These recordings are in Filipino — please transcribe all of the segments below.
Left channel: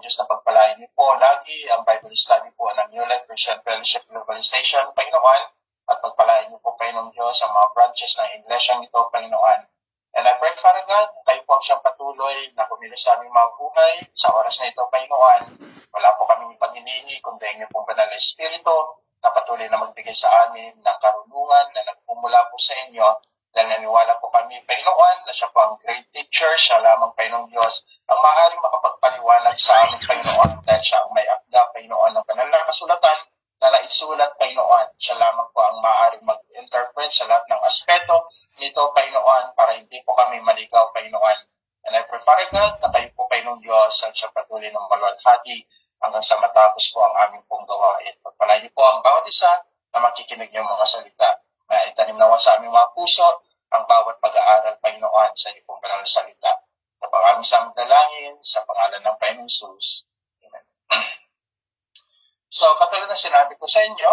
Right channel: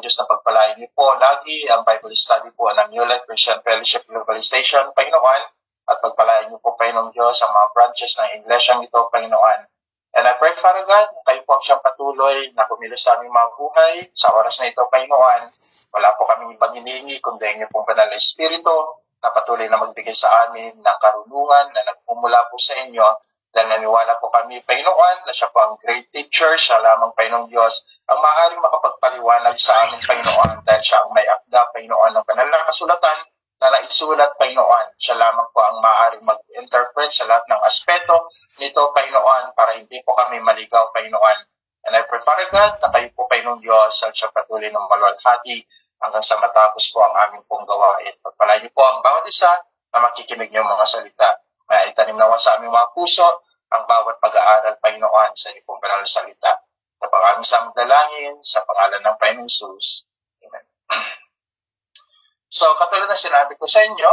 Diyos na pagpalain niyo po lagi ang Bible study po ng New Life Christian Fellowship Globalization, Panginoon, at pagpalain niyo po, Panginoong Diyos, ang mga branches ng iglesyang ito, Panginoon. And I pray, Father God, kayo po ang siyang patuloy na kumilos sa aming mga buhay sa oras na ito, Panginoon. Wala po kaming ibang hinihingi, kundi ang iyong pong banal na Espiritu na patuloy na magbigay sa amin ng karunungan na nagmumula po sa inyo. Dahil naniwala po kami, Panginoon, na siya po ang great teacher, siya lamang, Panginoong Diyos, ang maaaring makapagpaliwanag sa amin, Panginoon, dahil siya ang may akda, Panginoon, ng banal na kasulatan na naisulat, Panginoon. Siya lamang po ang maaaring mag-interpret sa lahat ng aspeto nito, Panginoon, para hindi po kami maligaw, Panginoon. And I pray, Father God, na kayo po, Panginoong Diyos, ang siya patuloy ng maluwalhati hanggang sa matapos po ang aming pong gawain. Pagpalain niyo po ang bawat isa na makikinig niyo mga salita. Na itanim nawa sa aming mga puso ang bawat pag-aaral, Panginoon, sa iyo pong banal na salita. Sa pag-aming samang dalangin, sa pangalan ng Panginoong Jesus. Amen. So, katulad na sinabi ko sa inyo,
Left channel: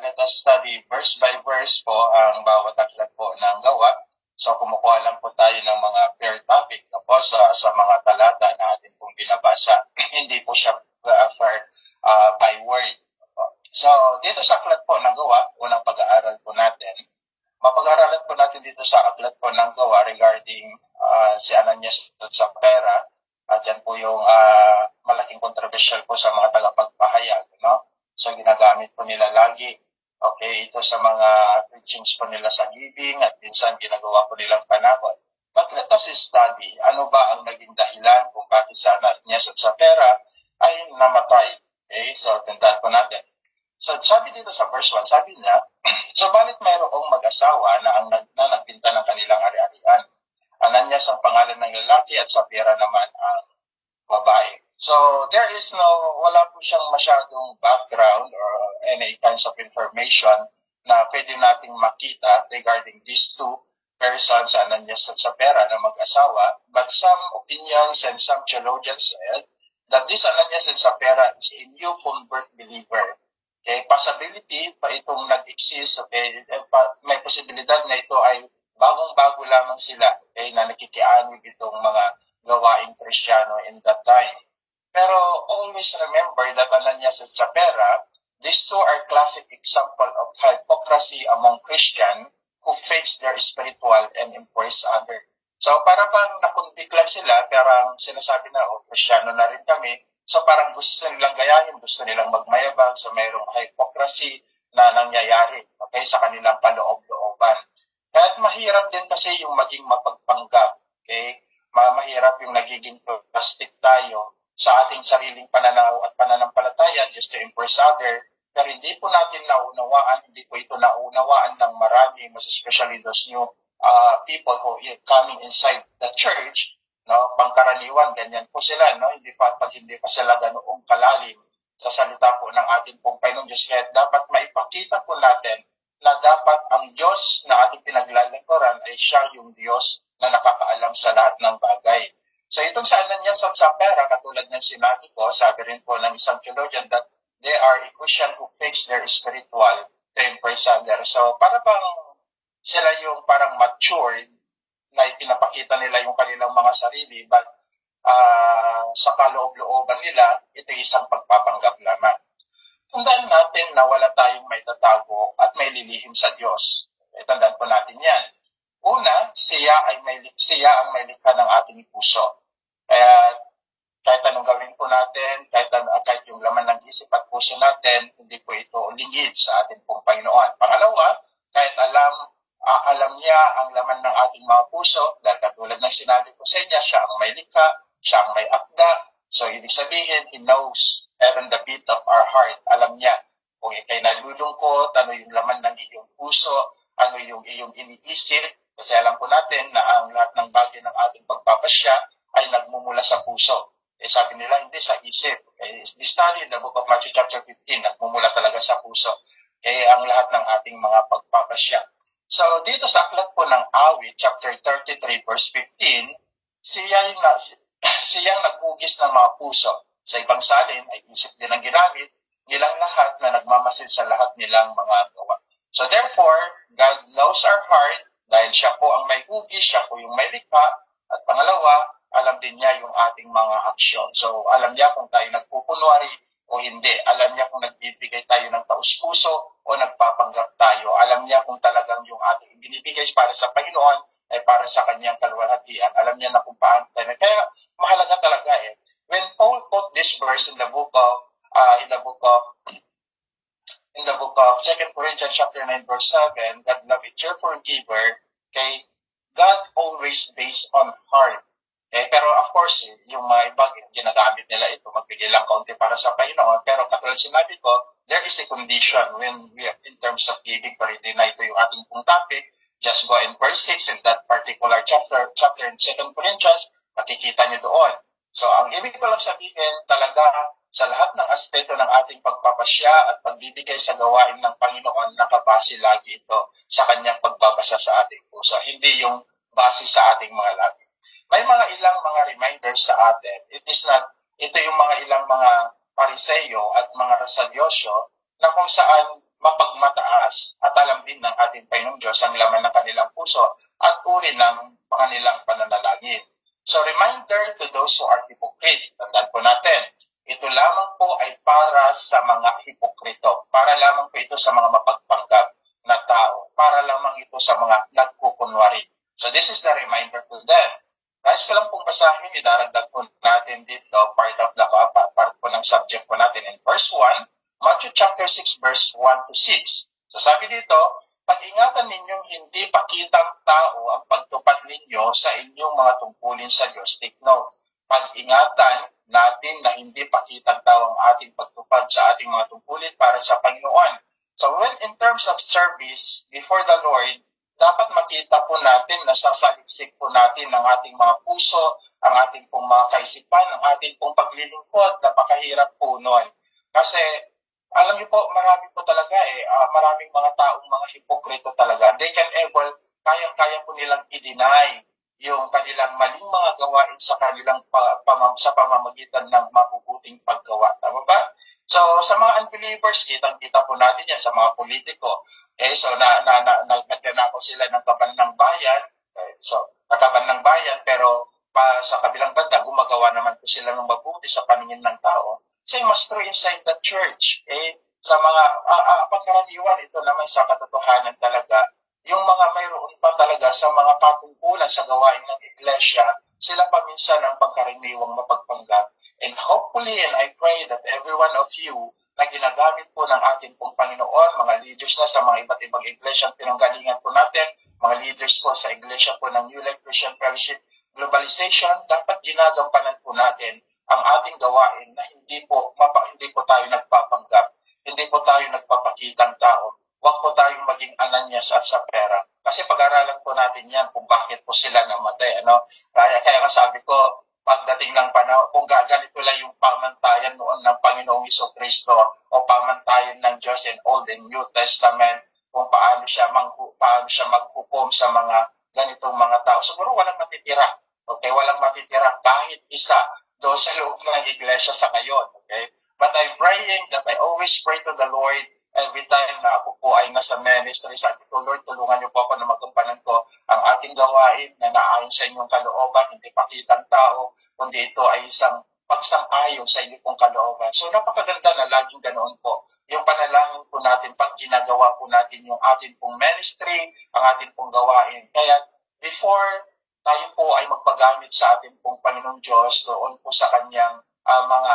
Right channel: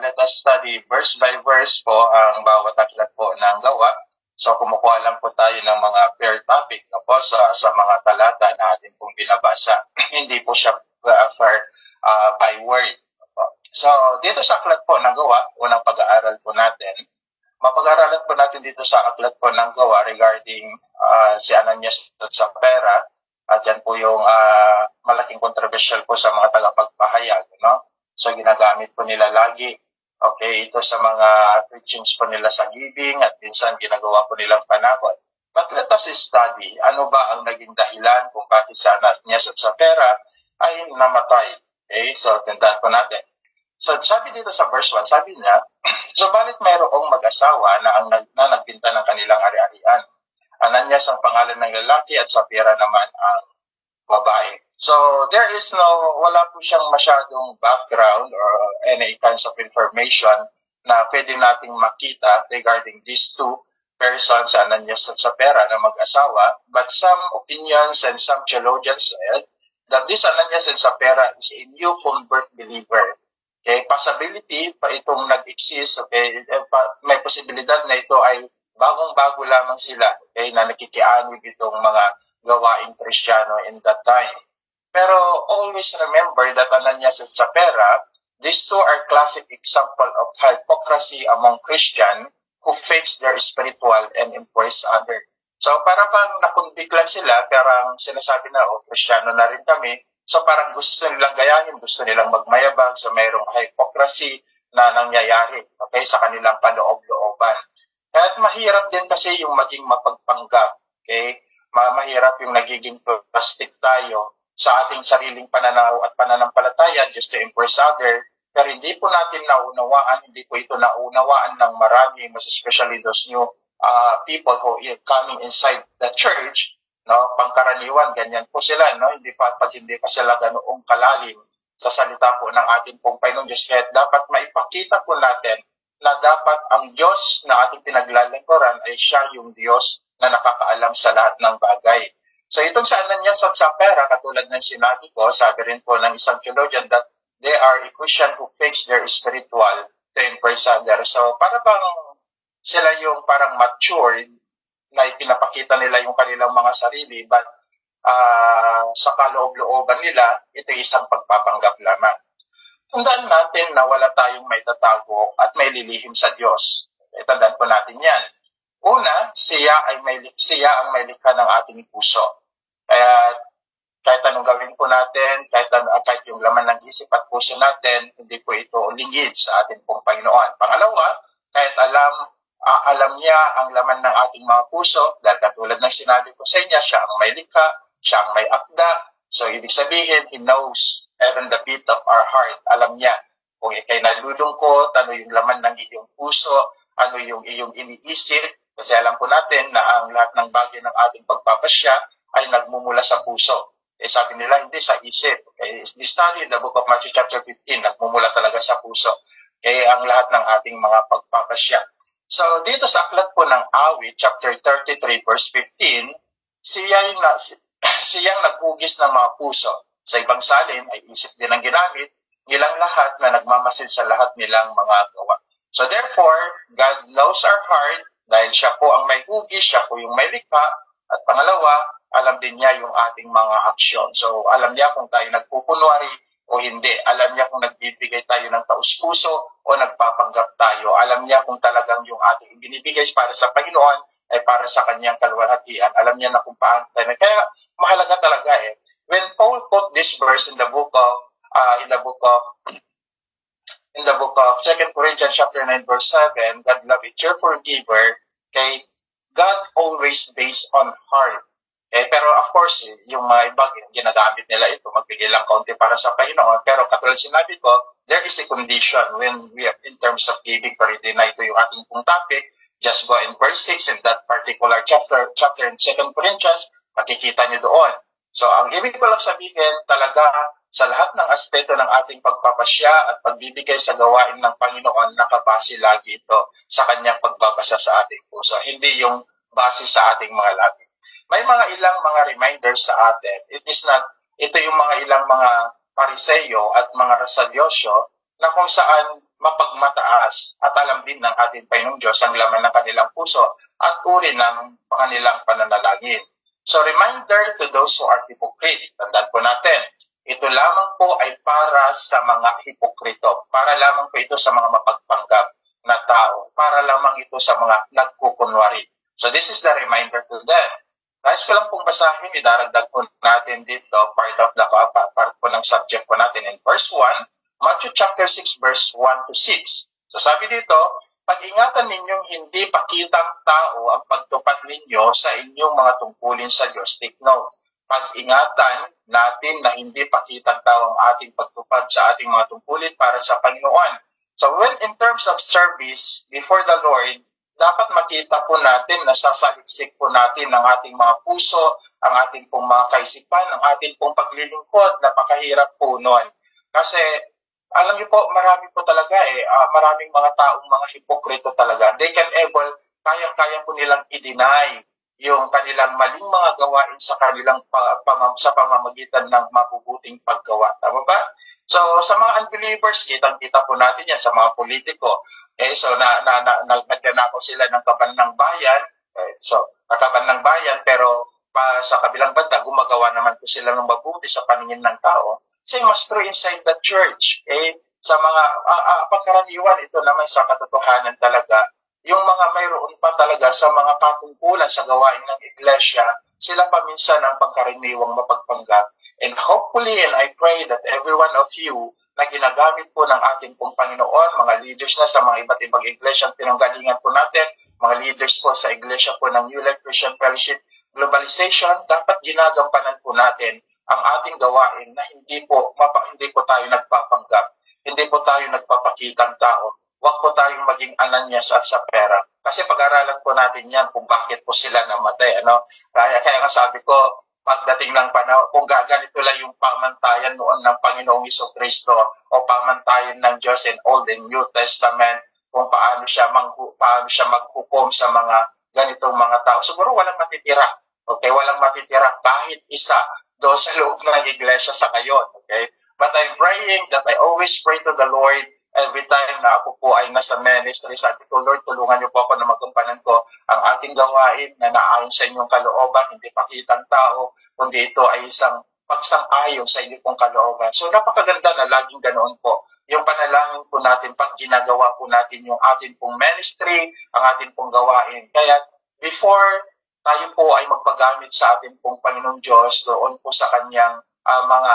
let us study verse by verse po ang bawat aklat po ng gawa. So, kumukuha lang po tayo ng mga pair topic na po sa mga talata na atin pong binabasa. Hindi po siya by word. So, dito sa aklat po ng gawa, unang pag-aaral po natin, mapag-aaralan po natin dito sa aklat po ng gawa regarding si Ananias at Sapphira. At yan po yung malaking controversial po sa mga tagapagpahayag, no? So, ginagamit po nila lagi. Okay, ito sa mga preachings po nila sa giving at minsan ginagawa po nilang panakot. But let us study, ano ba ang naging dahilan kung bakit si Ananias at Sapphira ay namatay. Okay, so tandaan po natin. So, sabi dito sa verse 1, sabi niya, subalit mayroong mag-asawa na nagbinta ng kanilang ari-arian. Ananias ang pangalan ng lalaki at Sapphira naman ang babae. So, wala po siyang masyadong background or any kinds of information na pwede nating makita regarding these two persons, Ananias at Sapphira, na mag-asawa. But some opinions and some theologians said that this Ananias and Sapphira is a new convert believer. Okay, possibility pa itong nag-exist, okay, may posibilidad na ito ay bagong-bago lamang sila, okay, na nakikianib itong mga gawaing Kristiyano in that time. Pero always remember that Ananias at Sapphira, these two are classic example of hypocrisy among Christian who fakes their spiritual and impress others. So para bang nakunbik lang sila, parang sinasabi na, Kristiyano na rin kami. So parang gusto nilang gayahin, gusto nilang magmayabang, so mayroong hypocrisy na nangyayari, okay, sa kanilang kaloob-looban. At mahirap din kasi yung maging mapagpanggap, okay? Mahirap yung nagiging plastic tayo sa ating sariling pananaw at pananampalataya just to impress others. Pero hindi po natin naunawaan, hindi po ito naunawaan ng marami, mas especially those new people who are coming inside the church. No, pangkaraniwan, ganyan po sila, no? Hindi pa sila ganoong kalalim sa salita po ng ating pong Panginoong Diyos. Kaya dapat maipakita po natin na dapat ang Diyos na ating pinaglalingkuran ay siya yung Diyos na nakakaalam sa lahat ng bagay. So itong sa Ananias at Sapphira, katulad ng sinabi ko, sabi rin po ng isang theologian that they are a Christian who fakes their spiritual to impress others. So para bang sila yung parang matured na ipinapakita nila yung kanilang mga sarili, but sa kaloob-looban nila, ito isang pagpapanggap lamang. Tandaan natin na wala tayong may tatago at may lilihim sa Diyos. Tandaan po natin yan. Una, siya ang may likha ng ating puso. Kaya kahit anong gawin po natin, kahit yung laman ng isip at puso natin, hindi po ito lingid sa ating pong Panginoon. Pangalawa, kahit alam niya ang laman ng ating mga puso, dahil katulad ng sinabi ko sa inyo, siya ang may likha, siya ang may akda. So, ibig sabihin, He knows even the beat of our heart. Alam niya kung ikay nalulungkot, ano yung laman ng iyong puso, ano yung iyong iniisip. Kasi alam po natin na ang lahat ng bagay ng ating pagpapasya ay nagmumula sa puso. Sabi nila, hindi sa isip. Okay? We study in the book of Matthew chapter 15, nagmumula talaga sa puso. Kaya ang lahat ng ating mga pagpapasya. So, dito sa aklat po ng Awit, chapter 33, verse 15, siyang naghugis ng mga puso. Sa ibang salin ay isip din ang ginamit, nilang lahat na nagmamasid sa lahat nilang mga gawa. So, therefore, God knows our heart dahil siya po ang may hugis, siya po yung may likha. At pangalawa, alam din niya yung ating mga aksyon. So alam niya kung tayo nagpupunwari o hindi. Alam niya kung nagbibigay tayo ng taus-puso o nagpapanggap tayo. Alam niya kung talagang yung ating ibinibigay para sa Panginoon ay para sa kanyang kaluwalhatian. Alam niya na kung paano tayo. Kaya mahalaga talaga When Paul quote this verse in the book of 2 Corinthians chapter 9 verse 7, God love a cheerful giver, okay? God always based on heart. Okay? Pero of course, yung mga iba, ginagamit nila ito, magbigay lang kaunti para sa Panginoon. Pero katulad sinabi ko, there is a condition when we are in terms of giving, pero hindi na ito yung ating pong topic. Just go in verse 6 in that particular chapter in 2 Corinthians, makikita niyo doon. So, ang ibig ko lang sabihin, talaga, sa lahat ng aspeto ng ating pagpapasya at pagbibigay sa gawain ng Panginoon, nakabase lagi ito sa kanyang pagbabasa sa ating puso. Hindi yung base sa ating mga labi. May mga ilang mga reminders sa atin. Ito yung mga ilang mga pariseyo at mga rasalyosyo na kung saan mapagmataas at alam din ng ating Panginoong Diyos ang laman ng kanilang puso at uri ng kanilang pananalangin. So, reminder to those who are hypocrite. Tandaan po natin, ito lamang po ay para sa mga hipokrito. Para lamang po ito sa mga mapagpanggap na tao. Para lamang ito sa mga nagkukunwari. So, this is the reminder to them. Nais ko lang pong basahin, idaragdag po natin dito, part po ng subject po natin in verse 1, Matthew chapter 6, verse 1 to 6. So, sabi dito, pag-ingatan ninyong hindi pakitang tao ang pagtupad ninyo sa inyong mga tungkulin sa Diyos. Take note. Pag-ingatan natin na hindi pakitang tao ang ating pagtupad sa ating mga tungkulin para sa Panginoon. So when in terms of service before the Lord, dapat makita po natin na sasaliksik po natin ang ating mga puso, ang ating pong mga kaisipan, ang ating pong paglilingkod. Napakahirap po nun. Kasi alam niyo po, marami po talaga maraming mga taong mga hipokrito talaga. They can kayang-kaya po nilang i-deny yung kanilang maling mga gawain sa kanilang sa pamamagitan ng mabubuting paggawa. Tama ba? So, sa mga unbelievers, kitang-kita po natin yan sa mga politiko. So, nagnanako sila ng kaban ng bayan. Kaban ng bayan, pero sa kabilang banda, gumagawa naman po sila ng mabuti sa paningin ng tao. Same as true inside the church. Sa mga pagkaraniwan, ito naman sa katotohanan talaga, yung mga mayroon pa talaga sa mga patungkulan sa gawain ng iglesia, sila pa minsan ang pagkaraniwang mapagpanggap. And hopefully, and I pray that every one of you na ginagamit po ng ating pong Panginoon, mga leaders na sa mga iba't ibang iglesia ang pinanggalingan po natin, mga leaders po sa iglesia po ng New Life Christian Fellowship Globalization, dapat ginagampanan po natin ang ating gawain na hindi po tayo nagpapanggap, hindi po tayo nagpapakitang tao. Huwag po tayong maging Ananias at Sapphira. Kasi pag-aralan po natin yan kung bakit po sila namatay. Kaya sabi ko, pagdating ng panahon, kung gaganito lang yung pamantayan noon ng Panginoong Jesucristo o pamantayan ng Diyos in Old and New Testament, kung paano siya maghukom sa mga ganitong mga tao, siguro walang matitira. Okay? Walang matitira kahit isa doon sa loob ng iglesia sa ngayon. Okay? But I'm praying that I always pray to the Lord every time na ako po ay nasa ministry. Sabi ko, Lord, tulungan niyo po ako na magampanan ko ang ating gawain na naayon sa inyong kalooban, hindi pakitang tao, kundi ito ay isang pagsang-ayon sa inyong pong kalooban. So, napakaganda na laging ganoon po. Yung panalangin po natin, pag ginagawa po natin yung ating pong ministry, ang ating pong gawain. Kaya, before tayo po ay magpagamit sa ating pong Panginoong Diyos, doon po sa kanyang mga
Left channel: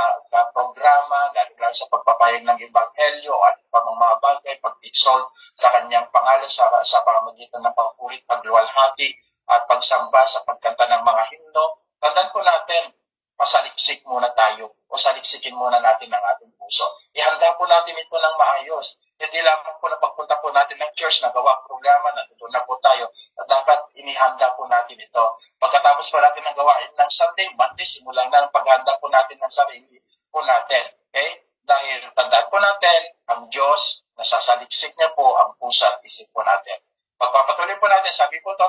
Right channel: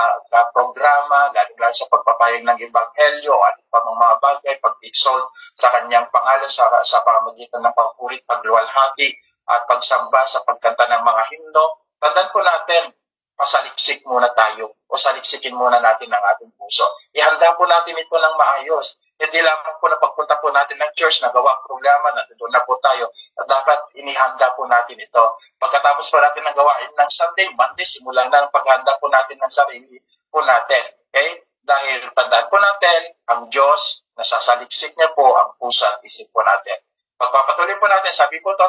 programa, lalo sa pagpapayag ng Ebanghelyo at mga bagay, pag-exalt sa kanyang pangalan sa pamamagitan ng pagpurit, pagluwalhati at pagsamba sa pagkanta ng mga himno. Tandaan po natin, pasaliksik muna tayo o saliksikin muna natin ang ating puso. Ihanda po natin ito ng maayos. Hindi lamang po na pagpunta po natin ng church, nagawa ang programa, nandoon na po tayo. At dapat inihanda po natin ito. Pagkatapos po natin ng gawain ng Sunday, Monday, simulan na ang paghanda po natin ng sarili po natin. Okay? Dahil tandaan po natin, ang Diyos, nasasaliksik niya po ang pusa at isip po natin. Pagpapatuloy po natin, sabi po to,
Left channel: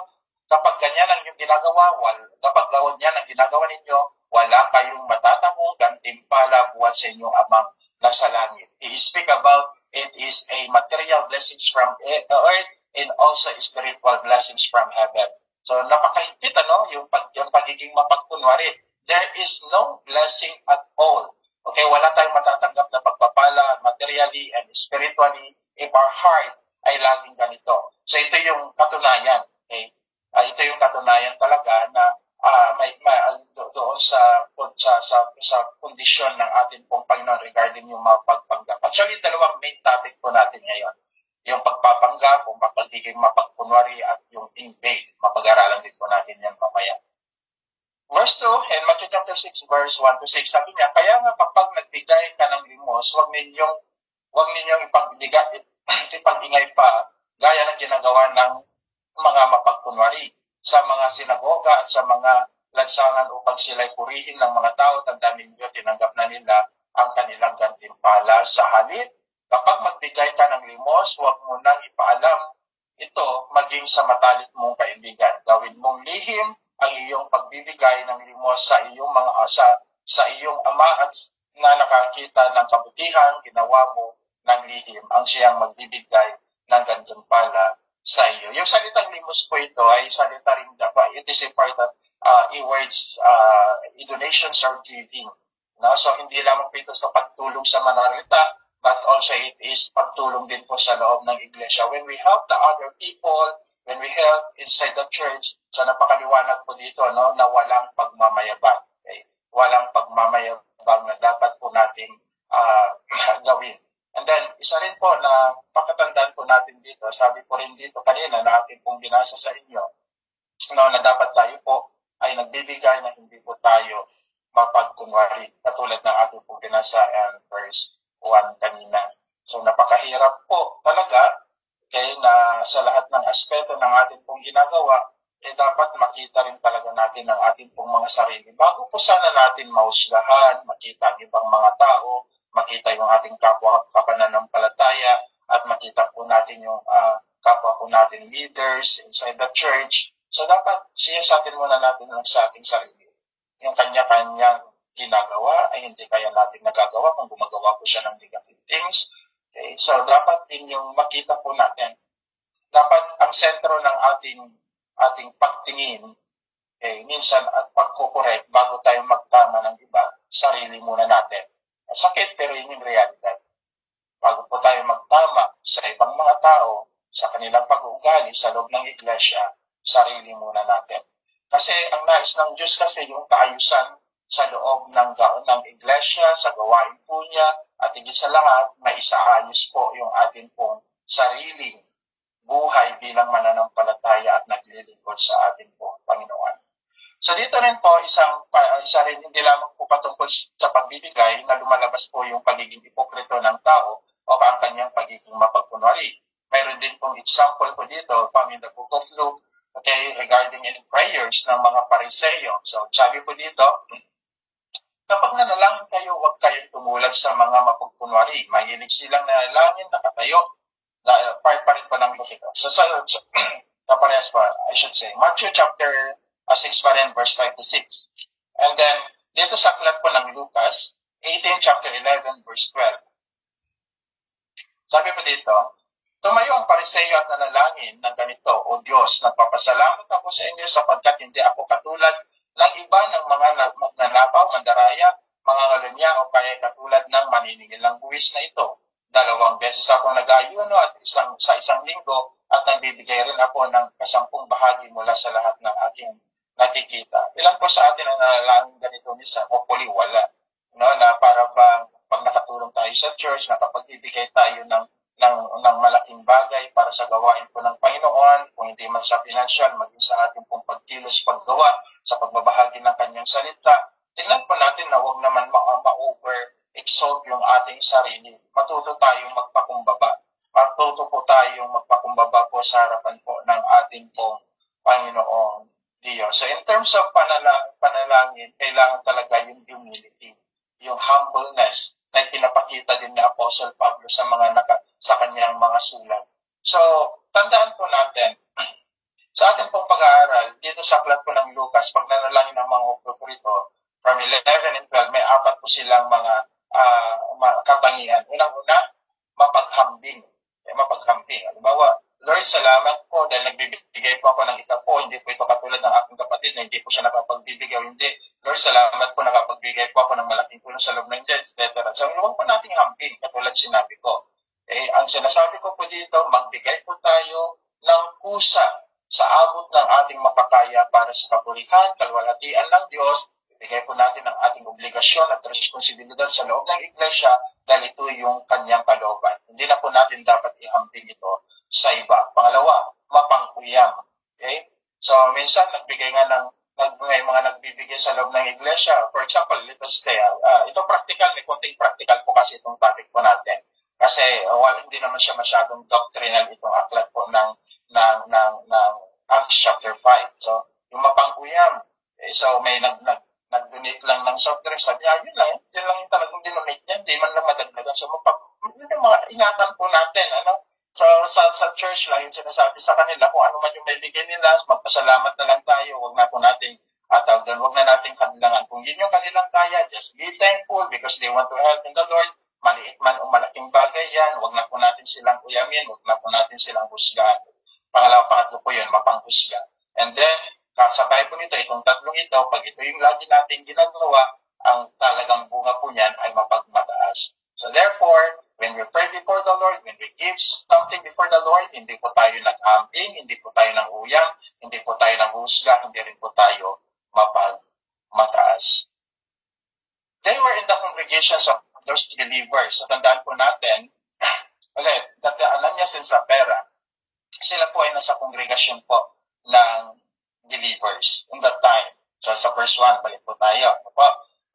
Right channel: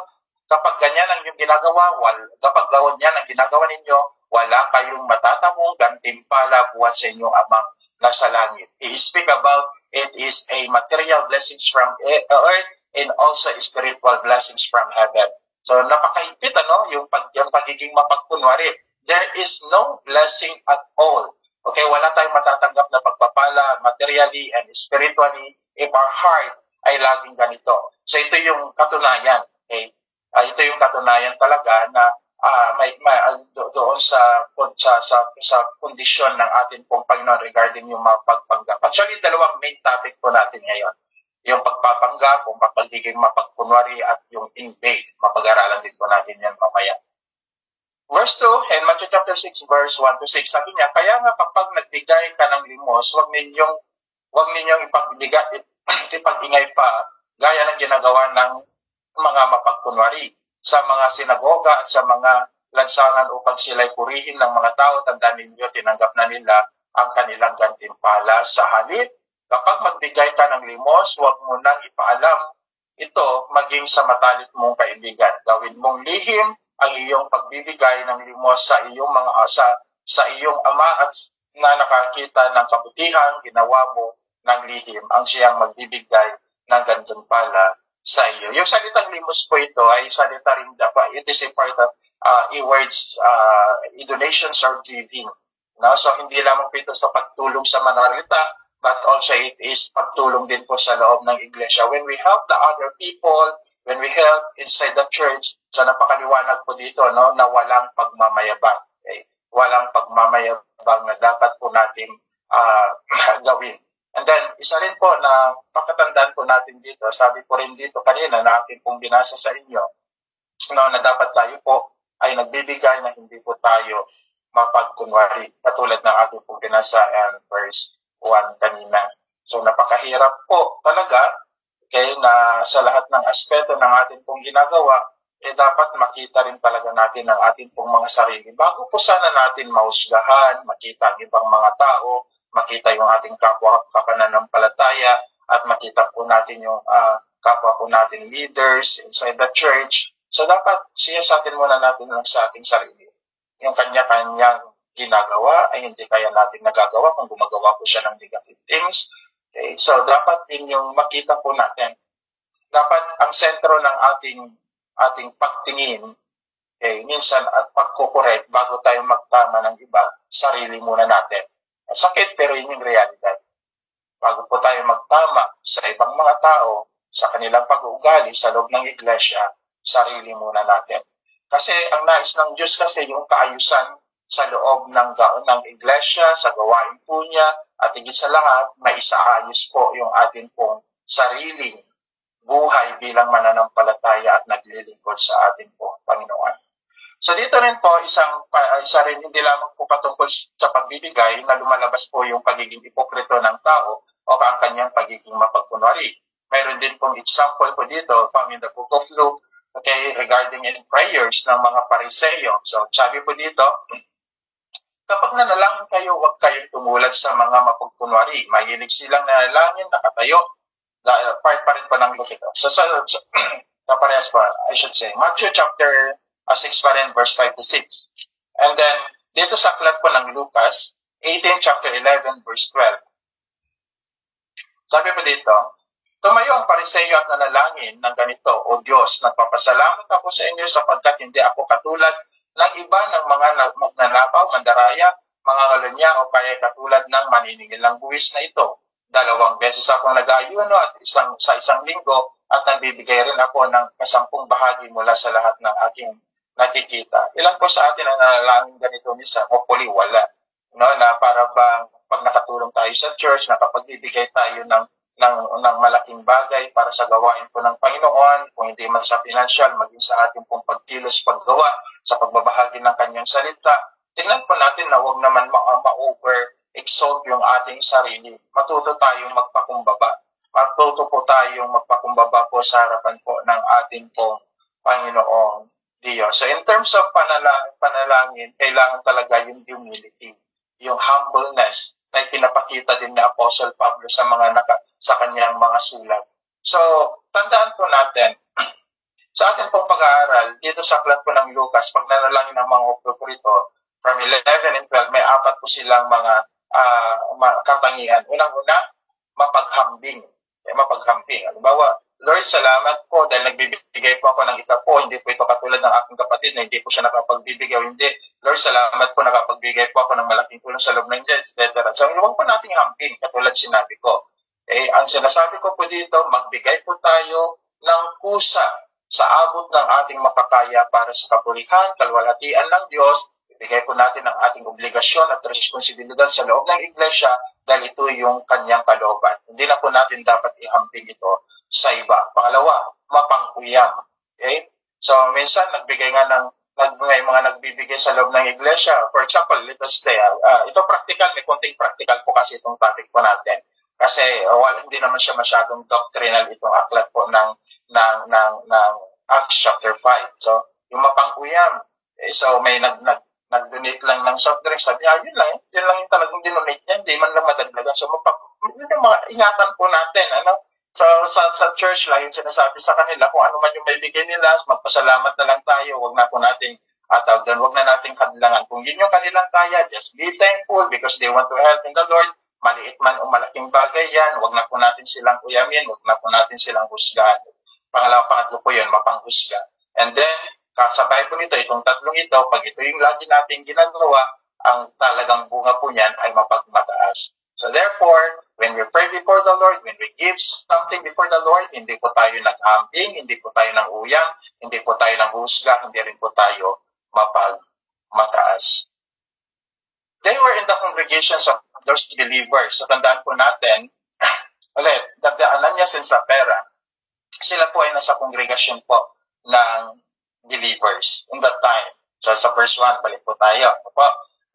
kapag ganyan ang ginagawa, kapag gawin niyan ang ginagawa ninyo, wala kayong matatamong gantimpala buwan sa inyong amang nasa langit. He speak about it is a material blessings from earth and also spiritual blessings from heaven. So napakaipit yung pagiging mapagkunwari. There is no blessing at all. Okay, wala tayong matatanggap na pagpapala materially and spiritually if our heart ay laging ganito. So ito yung katunayan. Okay? Ito yung katunayan talaga na doon sa kondisyon ng ating pong Panginoon regarding yung mga pagpanggap. Actually, dalawang main topic po natin ngayon. Yung pagpapanggap, kung pagiging mapagkunwari at yung invade. Mapag-aralan din po natin yan mamaya. Verse 2, in Matthew chapter 6, verse 1 to 6, sabi niya, kaya nga kapag nagbigay ka ng limos, huwag ninyong ipag-ingay pa, gaya ng ginagawa ng mga mapagkunwari sa mga sinagoga at sa mga lansangan upang sila'y purihin ng mga tao. Tandaan ninyo, tinanggap na nila ang kanilang gantimpala. Sa halip, kapag magbigay ka ng limos, huwag mo nang ipaalam ito maging sa matalik mong kaibigan. Gawin mong lihim ang iyong pagbibigay ng limos sa iyong sa iyong ama at na nakakita ng kabutihan, ginawa mo ng lihim ang siyang magbibigay ng gantimpala sa iyo. Yung salitang limos po ito ay salita rin it is a part of words, donations or giving. No? So hindi lamang po ito sa pagtulong sa manarita, but also it is pagtulong din po sa loob ng iglesia. When we help the other people, when we help inside the church, so napakaliwanag po dito na walang pagmamayabang. Okay? Walang pagmamayabang na dapat po nating gawin. And then, isa rin po na pakatandaan po natin dito, sabi po rin dito kanina na atin pong binasa sa inyo, na dapat tayo po ay nagbibigay na hindi po tayo mapagkunwari, katulad ng ating pong binasa and verse 1 kanina. So, napakahirap po talaga, okay, na sa lahat ng aspeto ng ating pong ginagawa, dapat makita rin talaga natin ang ating pong mga sarili. Bago po sana natin mahusgahan, makita ang ibang mga tao, makita yung ating kapwa kapananampalataya, at makita po natin yung kapwa po natin leaders inside the church. So dapat siyasatin muna natin lang sa ating sarili. Yung kanya-kanyang ginagawa ay hindi kaya natin nagagawa kung gumagawa po siya ng negative things. Okay? So dapat din yung makita po natin. Dapat ang sentro ng ating pagtingin, okay, minsan at pagkukorek bago tayo magtama ng iba, sarili muna natin. Sakit pero yun yung realidad. Bago po tayo magtama sa ibang mga tao, sa kanilang pag-uugali sa loob ng iglesia, sarili muna natin. Kasi ang nais ng Diyos kasi yung kaayusan sa loob ng iglesia, sa gawain po niya, at higit sa lahat, maisaayos po yung atin pong sariling buhay bilang mananampalataya at naglilingkod sa atin pong Panginoon. So dito rin po, isa rin hindi lamang po patungkol sa pagbibigay na lumalabas po yung pagiging ipokrito ng tao o ang kanyang pagiging mapagkunwari. Mayroon din pong example po dito from in the book of Luke, okay, regarding in prayers ng mga Pariseo. So sabi po dito, kapag nanalangin kayo, huwag kayong tumulad sa mga mapagkunwari. Mahilig silang nanalangin, nakatayo. Part pa rin po ng Luke ito. So kaparehas pa, I should say. Matthew chapter 6 pa rin, verse 5 to 6. And then, dito sa aklat po ng Lucas, 18 chapter 11, verse 12. Sabi po dito, tumayo ang Pariseo at nanalangin ng ganito, O Diyos, nagpapasalamat ako sa inyo sapagkat hindi ako katulad ng iba ng mga magnanakaw, mandaraya, mga ngalunya o kaya katulad ng maniningil ng buwis na ito. 2 beses akong nag-ayuno at sa isang linggo at nagbibigay rin ako ng 10 bahagi mula sa lahat ng aking nakikita. Ilan po sa atin ang nanalangin ganito minsan? Hopefully wala. No, na para bang pag nakatulong tayo sa church, nakapagbibigay tayo ng malaking bagay para sa gawain po ng Panginoon, kung hindi man sa financial, maging sa ating pong pagkilos, paggawa, sa pagbabahagi ng kanyang salita. Tingnan po natin na huwag naman ma-over-exalt yung ating sarili. Matuto tayong magpakumbaba. Matuto po tayong magpakumbaba po sa harapan po ng ating pong Panginoong Diyos. So in terms of panalangin, kailangan talaga yung humility, yung humbleness na pinapakita din ni Apostle Pablo sa kanyang mga sulat. So, tandaan po natin, sa ating pong pag-aaral, dito sa aklat po ng Lucas, pag nanalangin ng mga operito, from 11 and 12, may 4 po silang mga katangian. Unang-una, mapaghambing. Mapaghambing. Halimbawa, Lord, salamat po dahil nagbibigay po ako ng ika po. Hindi po ito katulad ng aking kapatid na hindi po siya nakapagbibigay. Hindi. Lord, salamat po nakapagbigay po ako ng malaking tulong sa loob ng Diyos, etc. So, huwag po nating hambing, katulad sinabi ko. Ang sinasabi ko po dito, magbigay po tayo ng kusa sa abot ng ating makakaya para sa kapurihan, kalwalhatian ng Diyos. Ibigay po natin ang ating obligasyon at responsibilidad sa loob ng iglesia dahil ito yung kanyang kalooban. Hindi na po natin dapat ihambing ito sa iba. Pangalawa, mapangkuyam. Okay? So, minsan, nagbigay nga ng may mga nagbibigay sa loob ng iglesia. For example, let us say, ito practical, may konting practical po kasi itong topic po natin. Kasi, hindi naman siya masyadong doctrinal itong aklat po ng Acts chapter 5. So, yung mapangkuyam, so may nag-donate lang ng soft drinks, sabi niya, yun lang yung talagang dinonate niya, hindi man lang madagdagan. So, yun yung mga ingatan po natin, So, sa church lang yung sinasabi sa kanila, kung ano man yung may bigay nila, magpasalamat na lang tayo, wag na po nating wag na nating kadlangan. Kung yun yung kanilang kaya, just be thankful because they want to help in the Lord. Maliit man o malaking bagay yan, wag na po natin silang uyamin, wag na po natin silang husgahan. Pangatlo po yun, mapanghusga. And then, kasabay po nito, itong tatlong ito, pag ito yung lagi natin ginagawa, ang talagang bunga po niyan ay mapagmataas. So therefore, when we pray before the Lord, when we give something before the Lord, hindi po tayo nag-amping, hindi po tayo nang uyang, hindi po tayo nang husga, hindi rin po tayo mapagmataas. They were in the congregations of those believers. So tandaan po natin, ulit, that the Ananias and Sapphira, sila po ay nasa congregation po ng believers in that time. So sa verse 1, balik po tayo.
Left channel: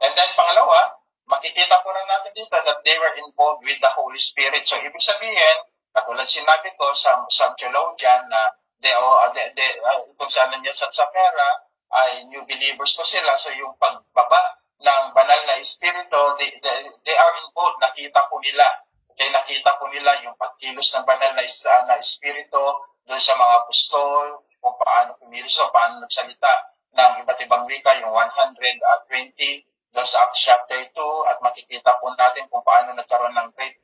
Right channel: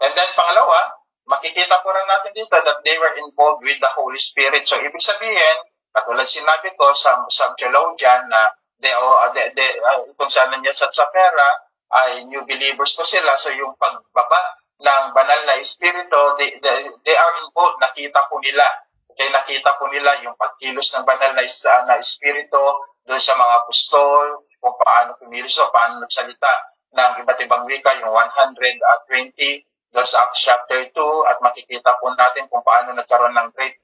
And then pangalawa, makikita po rin natin dito that they were involved with the Holy Spirit. So, ibig sabihin, katulad sinabi ko sa theologian na kung saan niya sa Sapphira, ay new believers po sila. So, yung pagbaba ng banal na Espiritu, they are involved. Nakita po nila. Okay, nakita po nila yung pagkilos ng banal na Espiritu doon sa mga apostol, kung paano pumilos o paano nagsalita ng iba't ibang wika, yung 120 sa Acts chapter 2 at makikita po natin kung paano nagkaroon ng great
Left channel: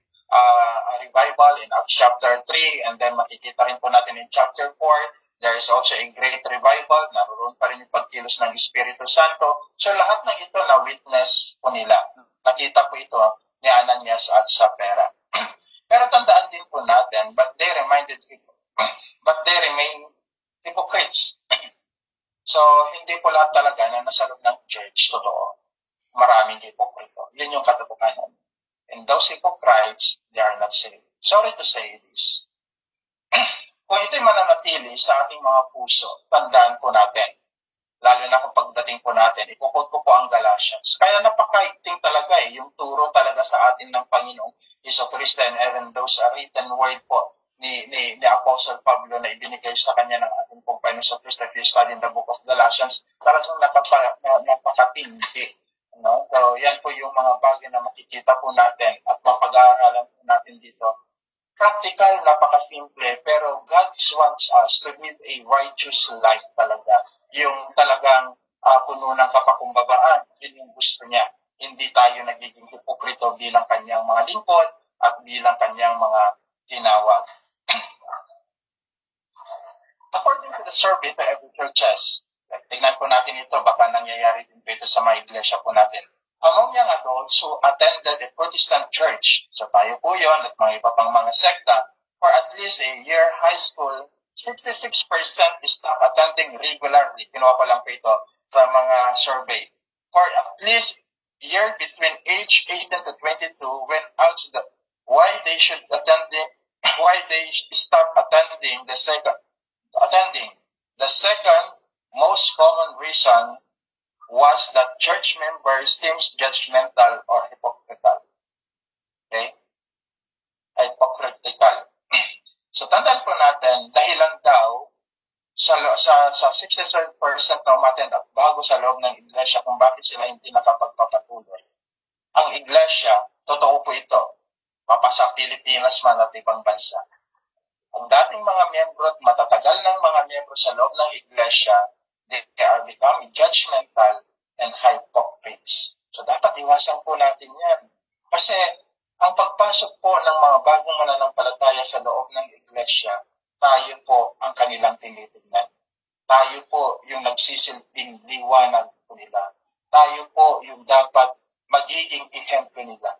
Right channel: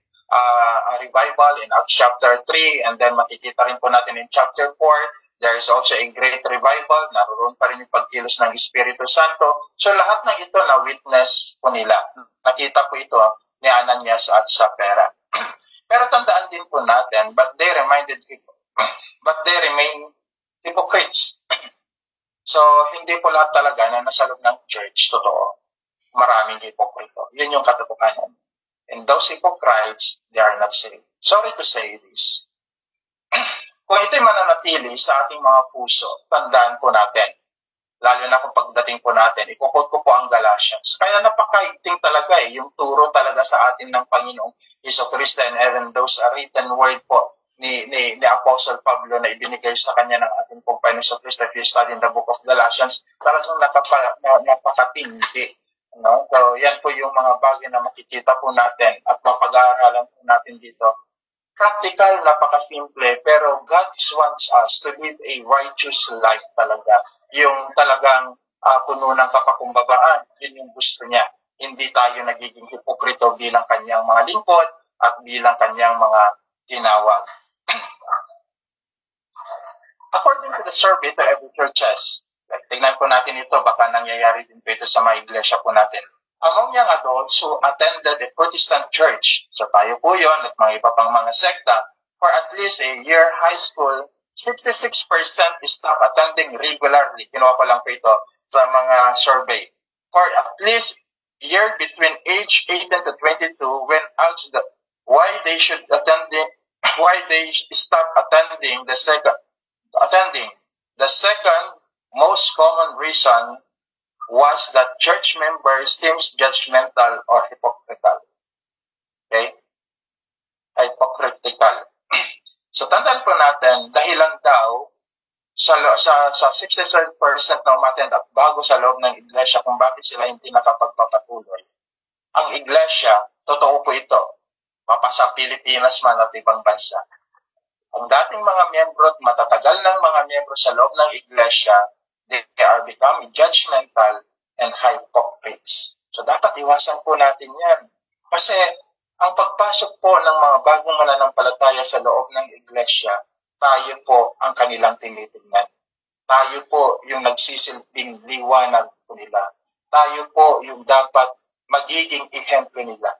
revival in Acts chapter 3 and then makikita rin po natin in chapter 4 there is also a great revival, naroon pa rin yung pagkilos ng Espiritu Santo. So lahat ng ito na witness po nila. Nakita po ito ni Ananias at Sapphira. Pero tandaan din po natin, but they remain hypocrites. So hindi po lahat talaga na nasa loob ng church, totoo. Maraming hipokrito. Yun yung katotohanan. And those hypocrites, they are not saved. Sorry to say this. Kung ito'y mananatili sa ating mga puso, tandaan po natin, lalo na kung pagdating po natin, ipukot ko po ang Galatians. Kaya napakaigting talaga yung turo talaga sa atin ng Panginoong Jesucristo and even those written word po ni Apostle Pablo na ibinigay sa kanya ng ating pong Panginoong Jesucristo. If you study in the book of Galatians, talagang napakatindi. No? So, yan po yung mga bagay na makikita po natin at mapag-aaralan po natin dito. Practical, napaka-simple, pero God wants us to live a righteous life talaga. Yung talagang puno ng kapakumbabaan, yun yung gusto niya. Hindi tayo nagiging hipokrito bilang kanyang mga lingkod at bilang kanyang mga tinawag. According to the survey to every churches, tingnan po natin ito, baka nangyayari din ito sa mga iglesia po natin. Among young adults who attended a Protestant church, so tayo po yun at mga iba pang mga sekta, for at least a year high school, 66% stopped attending regularly. Kinuha ko lang po ito sa mga survey. For at least a year between age 18 to 22, when asked why they stop attending, the second most common reason was that church members seems judgmental or hypocritical. Okay? Hypocritical. So, tandaan po natin, dahilan daw sa 67% na umattend at bago sa loob ng iglesia kung bakit sila hindi nakapagpapatuloy. Ang iglesia, totoo po ito, mapasa Pilipinas man at ibang bansa. Ang dating mga miyembro at matatagal ng mga miyembro sa loob ng iglesia, they are becoming judgmental and hypocrites. So, dapat iwasan po natin yan. Kasi, ang pagpasok po ng mga bagong mananampalataya sa loob ng iglesia tayo po ang kanilang tinitingnan. Tayo po yung nagsisilbing liwanag po nila. Tayo po yung dapat magiging ehemplo nila.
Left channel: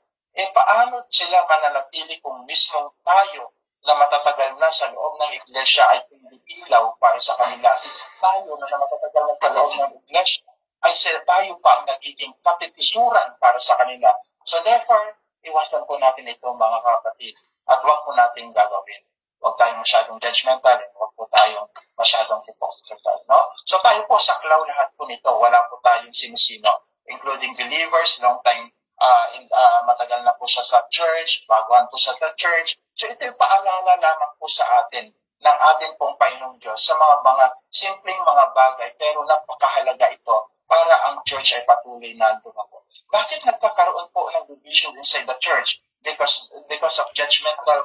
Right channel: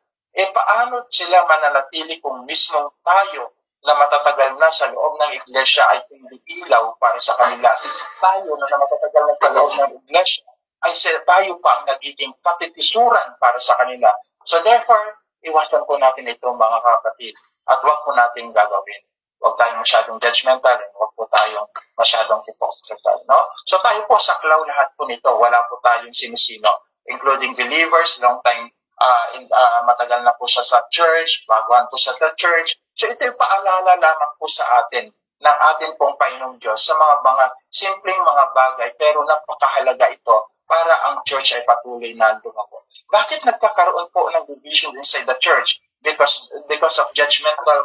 Paano sila mananatili kung mismong tayo na matatagal na sa loob ng iglesia ay hindi ilaw para sa kanila? Tayo na matatagal na sa loob ng iglesia ay tayo pa ang nagiging katitisuran para sa kanila. So therefore, iwasan po natin ito mga kapatid at huwag po natin gagawin. Huwag tayong masyadong judgmental and huwag po tayong masyadong hypocritical. No? So tayo po saklaw lahat po nito. Wala po tayong sinisino, including believers, long time, matagal na po siya sa church, baguhan po siya sa church. So ito yung paalala lamang po sa atin ng ating pong Panginoong Diyos sa mga simpleng mga bagay, pero napakahalaga ito para ang church ay patuloy na lumago. Bakit nagkakaroon po ng division inside the church? Because of judgmental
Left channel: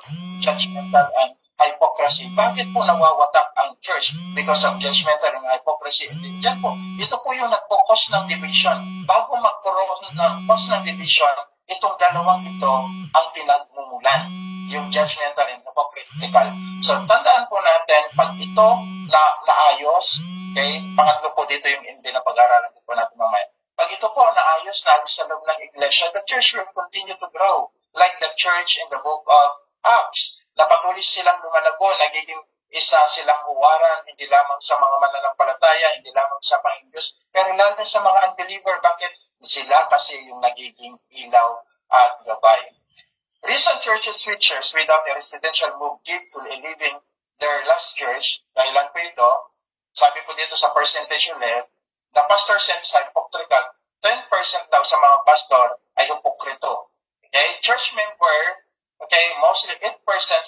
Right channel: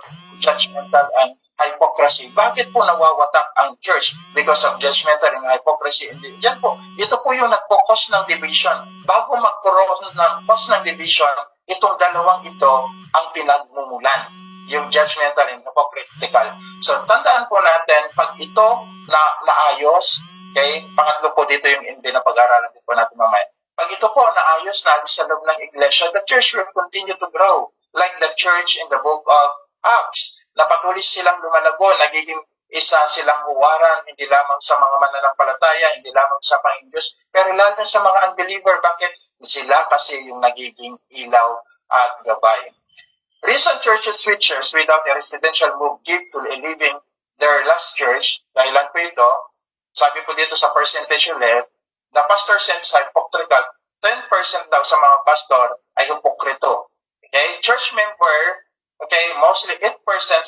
and hypocrisy. Bakit po nawawatak ang church? Because of judgmental and hypocrisy. Yan po, ito po yung nagpo-cause ng division. Bago magkaroon ng cause ng division, itong dalawang ito ang pinagmumulan. Yung judgmental and hypocritical. So, tandaan po natin, pag ito naayos, okay, pangatlo po dito yung hindi na pag-aaralan po natin mamaya. Pag ito po naayos na sa loob ng iglesia, the church will continue to grow like the church in the book of Acts. Na patuloy silang lumalago, nagiging isa silang huwaran, hindi lamang sa mga mananampalataya, hindi lamang sa Panginoon Diyos, pero lalo sa mga unbeliever. Bakit? Sila kasi yung nagiging ilaw at gabay. Recent churches switchers without a residential move give to leaving their last church. Dahilan po ito, sabi po dito sa percentage ulit, the pastor says hypocritical. 10% daw sa mga pastor ay hipokrito. Okay? Church member, okay, mostly 8%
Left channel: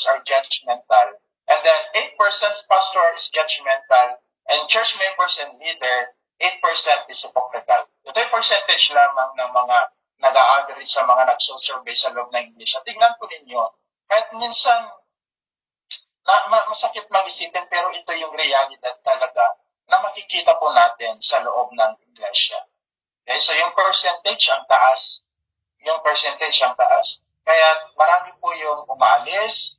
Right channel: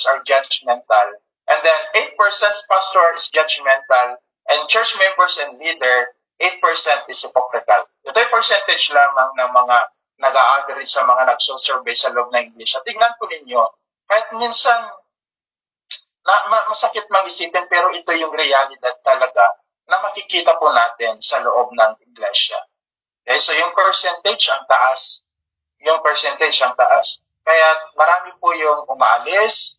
are judgmental. And then 8% pastor is judgmental. And church members and leader, 8% is hypocritical. Ito yung percentage lamang ng mga nag-a-average sa mga nagsusurvey sa loob ng iglesia. Tingnan po ninyo, kahit minsan masakit mag-isipin, pero ito yung realidad talaga na makikita po natin sa loob ng iglesia. Okay, so yung percentage ang taas. Kaya marami po yung umaalis,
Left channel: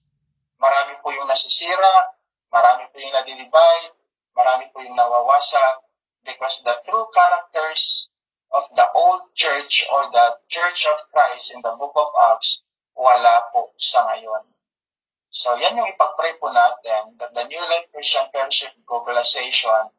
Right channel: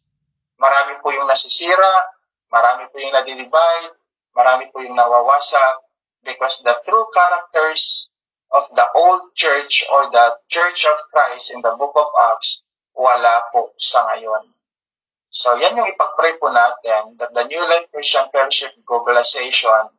marami po yung nasisira, marami po yung nadidivide, marami po yung nawawasak, because the true characters of the old church or the Church of Christ in the book of Acts, wala po sa ngayon. So yan yung ipag-pray po natin, that the New Life Christian Fellowship Globalization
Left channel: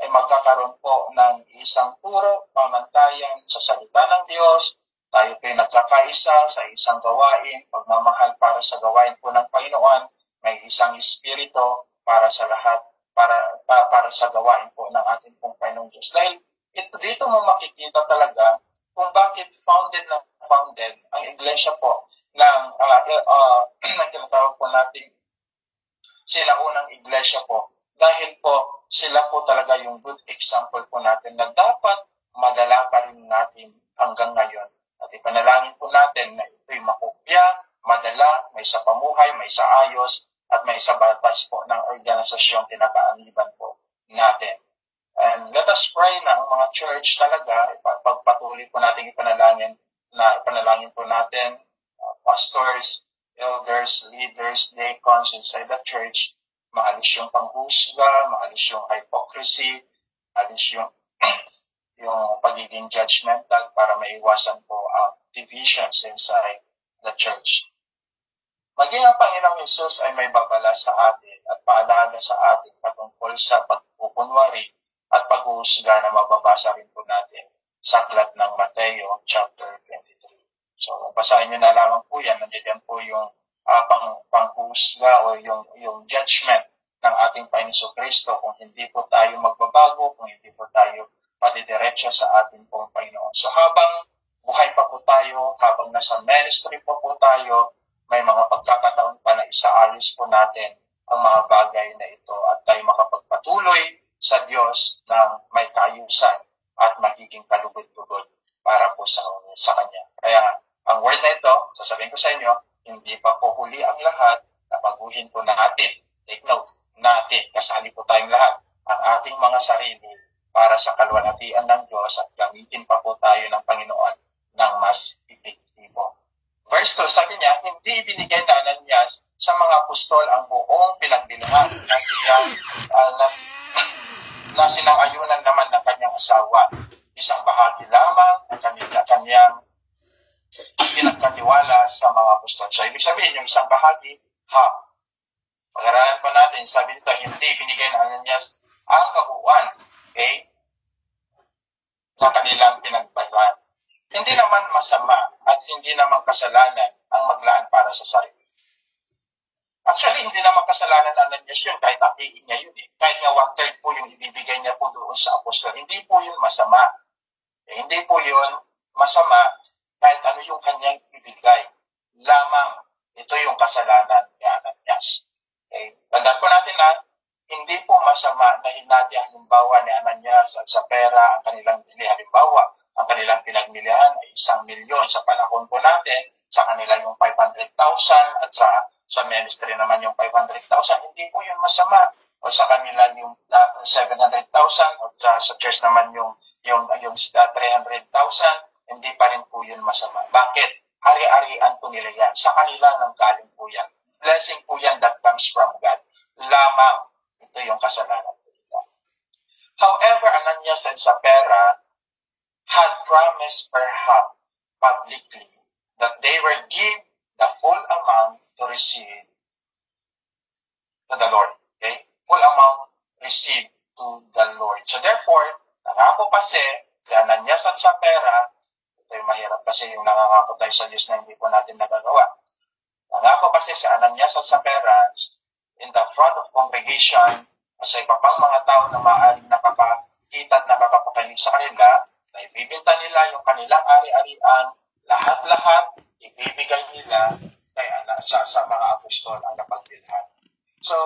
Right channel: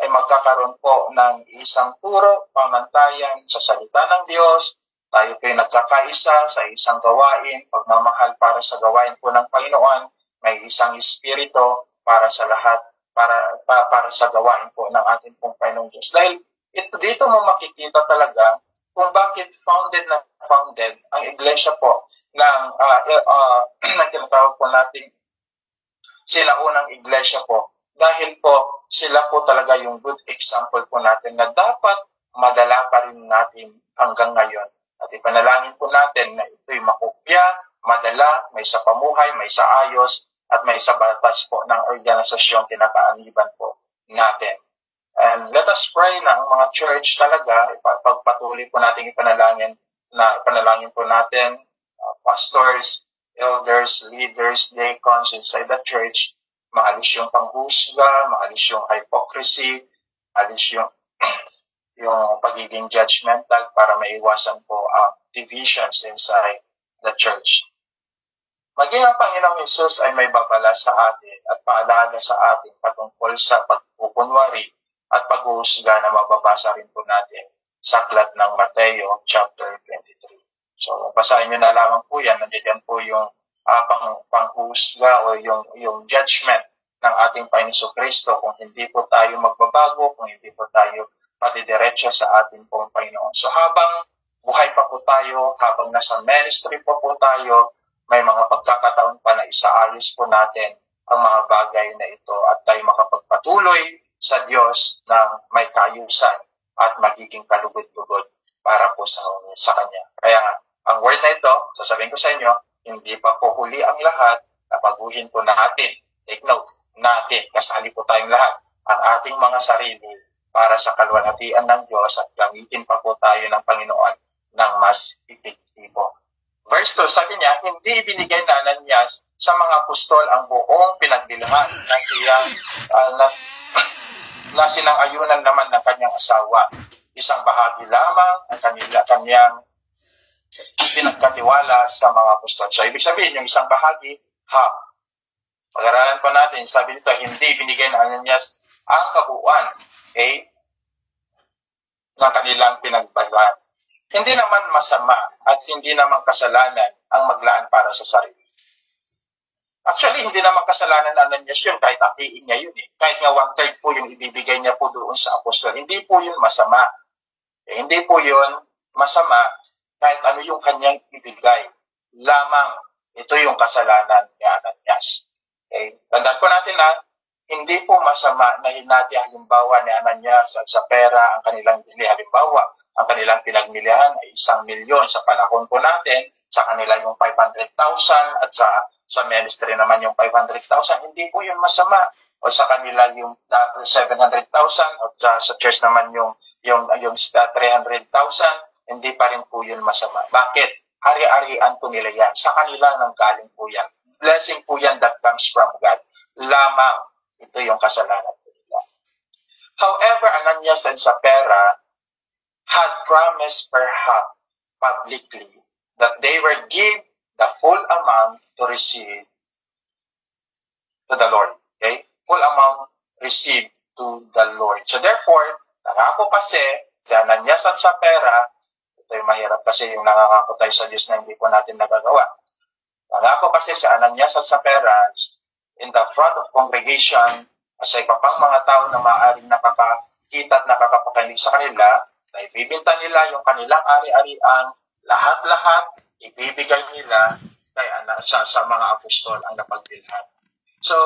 ay magkakaroon po ng isang turo, pamantayan sa salita ng Diyos. Tayo po ay nagkakaisa sa isang gawain, pagmamahal para sa gawain po ng Panginoon, may isang espiritu para sa lahat, para sa gawain po ng ating pong Panginoong Diyos. Dahil dito mo makikita talaga kung bakit founded ang iglesia po ng tinatawag po natin sinaunang iglesia po. Dahil po sila po talaga yung good example po natin na dapat madala pa rin natin hanggang ngayon. At ipanalangin po natin na ito'y makopya, madala, may sa pamuhay, may sa ayos, at may sa batas po ng organisasyon kinakaaniban po natin. And let us pray na ang mga church talaga, pagpatuloy po natin ipanalangin po natin, pastors, elders, leaders, deacons inside the church, maalis yung panghusga, maalis yung hypocrisy, maalis yung pagiging judgmental para maiwasan po ang divisions inside the church. Maging ang Panginoong Hesus ay may babala sa atin at paalala sa atin patungkol sa pagpupunwari at paghuhusga na mababasa rin po natin sa aklat ng Mateo chapter 23. So, basahin nyo na lamang po yan. Nandiyan po yung panghuhusga o yung judgment ng ating Panginoon Kristo kung hindi po tayo magbabago, kung hindi po tayo patidiretso sa ating pong Panginoon. So, habang buhay pa po tayo, habang nasa ministry po tayo, may mga pagkakataon pa na isaayos po natin ang mga bagay na ito at tayo makapagpatuloy sa Diyos ng may kaayusan at magiging kalugod-lugod para po sa Kanya. Kaya ang word na ito, sasabihin ko sa inyo, hindi pa po huli ang lahat, napaguhin po natin. Take note, natin, kasali po tayong lahat, ang ating mga sarili para sa kalwalhatian ng Diyos at gamitin pa po tayo ng Panginoon ng mas epektibo. Verse 2, sabi niya, hindi ibinigay na Ananias sa mga apostol ang buong pinagbilhan na siyang na sinang-ayunan naman ng kanyang asawa. Isang bahagi lamang ang kanyang pinagkatiwala sa mga apostol. So, ibig sabihin, yung isang bahagi, half. Pag-aralan po natin, sabi dito, hindi binigay ng Ananias ang kabuuan, okay, sa kanilang pinagbayuhan. Hindi naman masama at hindi naman kasalanan ang maglaan para sa sarili. Actually, hindi naman kasalanan ng Ananias yun, kahit hatiin niya yun eh. Kahit nga 1/3 po yung ibibigay niya po doon sa apostol. Hindi po yun masama. Hindi po yun masama kahit ano yung kanyang ibigay. Lamang, ito yung kasalanan ni Ananias. Okay? Tandaan po natin na hindi po masama na hinati halimbawa ni Ananias at sa pera ang kanilang bili. Halimbawa, ang kanilang pinagmilihan ay 1,000,000 sa panahon po natin, sa kanila yung 500,000 at sa ministry naman yung 500,000, hindi po yun masama. O sa kanila yung 700,000 at sa church naman yung 300,000, hindi pa rin po yun masama. Bakit? Hari-arian po nila yan. Sa kanila nang galing po yan. Blessing po yan that comes from God. Lamang, ito yung kasalanan po nila. However, Ananias and Sapphira had promised perhaps publicly that they will give the full amount to receive to the Lord. Okay? Full amount received to the Lord. So therefore, nangako kasi si Ananias at Sapphira, ito yung mahirap kasi yung nangangako tayo sa Diyos na hindi po natin nagagawa. Nangako kasi si Ananias at Sapphira in the front of congregation sa iba pang mga tao na maaaring nakakakita at nakakapakinig sa kanila, na ibibinta nila yung kanilang ari-arian, lahat-lahat, ibibigay nila kay sa mga apostol ang napagbilhan. So,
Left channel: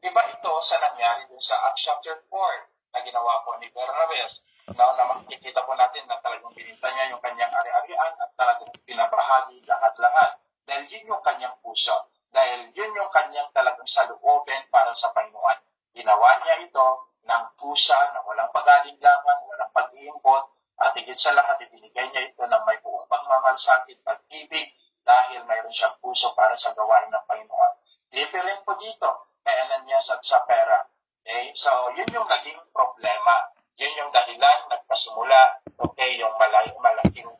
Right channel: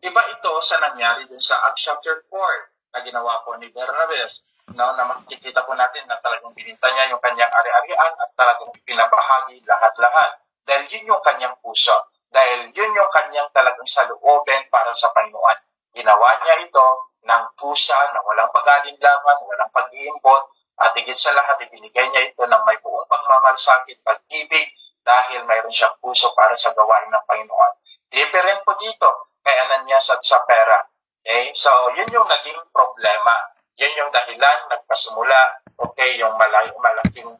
iba ito sa nangyari dun sa Acts chapter 4 na ginawa po ni Barnabas. No, na makikita po natin na talagang bininta niya yung kanyang ari-arian at talagang pinabahagi lahat-lahat. Dahil yun yung kanyang puso. Dahil yun yung kanyang talagang saloobin para sa Panginoon. Ginawa niya ito ng pusa, na walang pag-alinlangan, walang pag-iimbot, at higit sa lahat, ibinigay niya ito ng may buong pagmamalasakit, pag-ibig, dahil mayroon siyang puso para sa gawain ng Panginoon. Different po dito kay Ananias at Sapphira. Okay? So, yun yung naging problema. Yan yung dahilan, nagpasimula, okay, yung malaking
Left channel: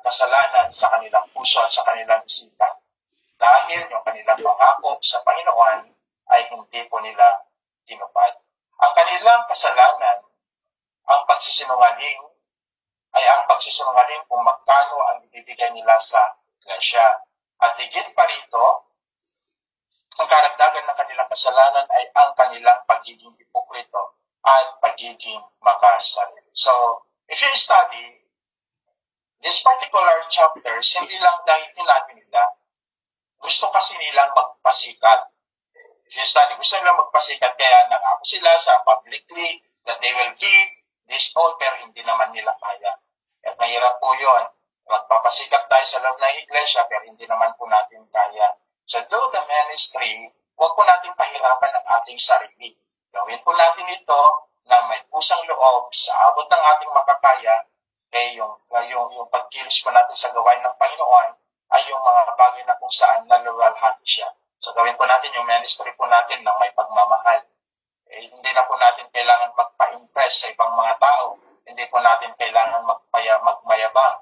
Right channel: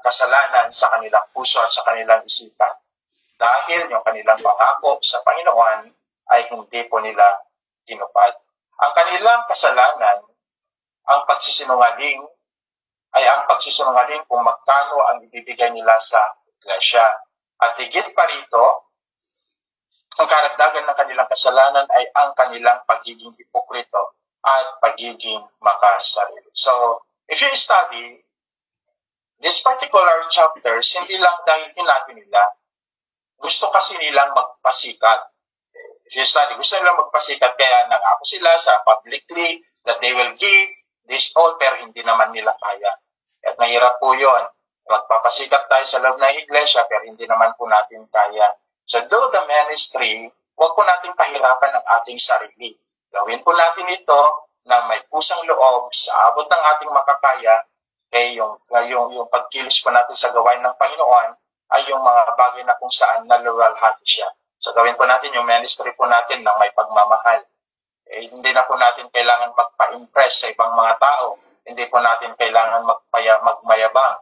kasalanan sa kanilang puso at sa kanilang isipan. Dahil yung kanilang pangako sa Panginoon ay hindi po nila tinupad. Ang kanilang kasalanan, ang pagsisinungaling, ay ang pagsisinungaling kung magkano ang ibibigay nila sa iglesia. At higit pa rito, ang karagdagan ng kanilang kasalanan ay ang kanilang pagiging hipokrito at pagiging makasarili. So, if you study this particular chapters, hindi lang dahil hinati nila, gusto kasi nilang magpasikat. If you study, gusto nilang magpasikat, kaya nangako sila sa publicly that they will give this all, pero hindi naman nila kaya. At mahirap po yun. Magpapasikat tayo sa loob ng iglesia, pero hindi naman po natin kaya. So do the ministry, huwag po natin pahirapan ang ating sarili. Gawin po natin ito na may pusang loob sa abot ng ating makakaya, kaya yung pagkilos po natin sa gawain ng Panginoon ay yung mga bagay na kung saan naluwalhati siya. So gawin po natin yung ministry po natin ng may pagmamahal. Hindi na po natin kailangan magpa-impress sa ibang mga tao. Hindi po natin kailangan magmayabang.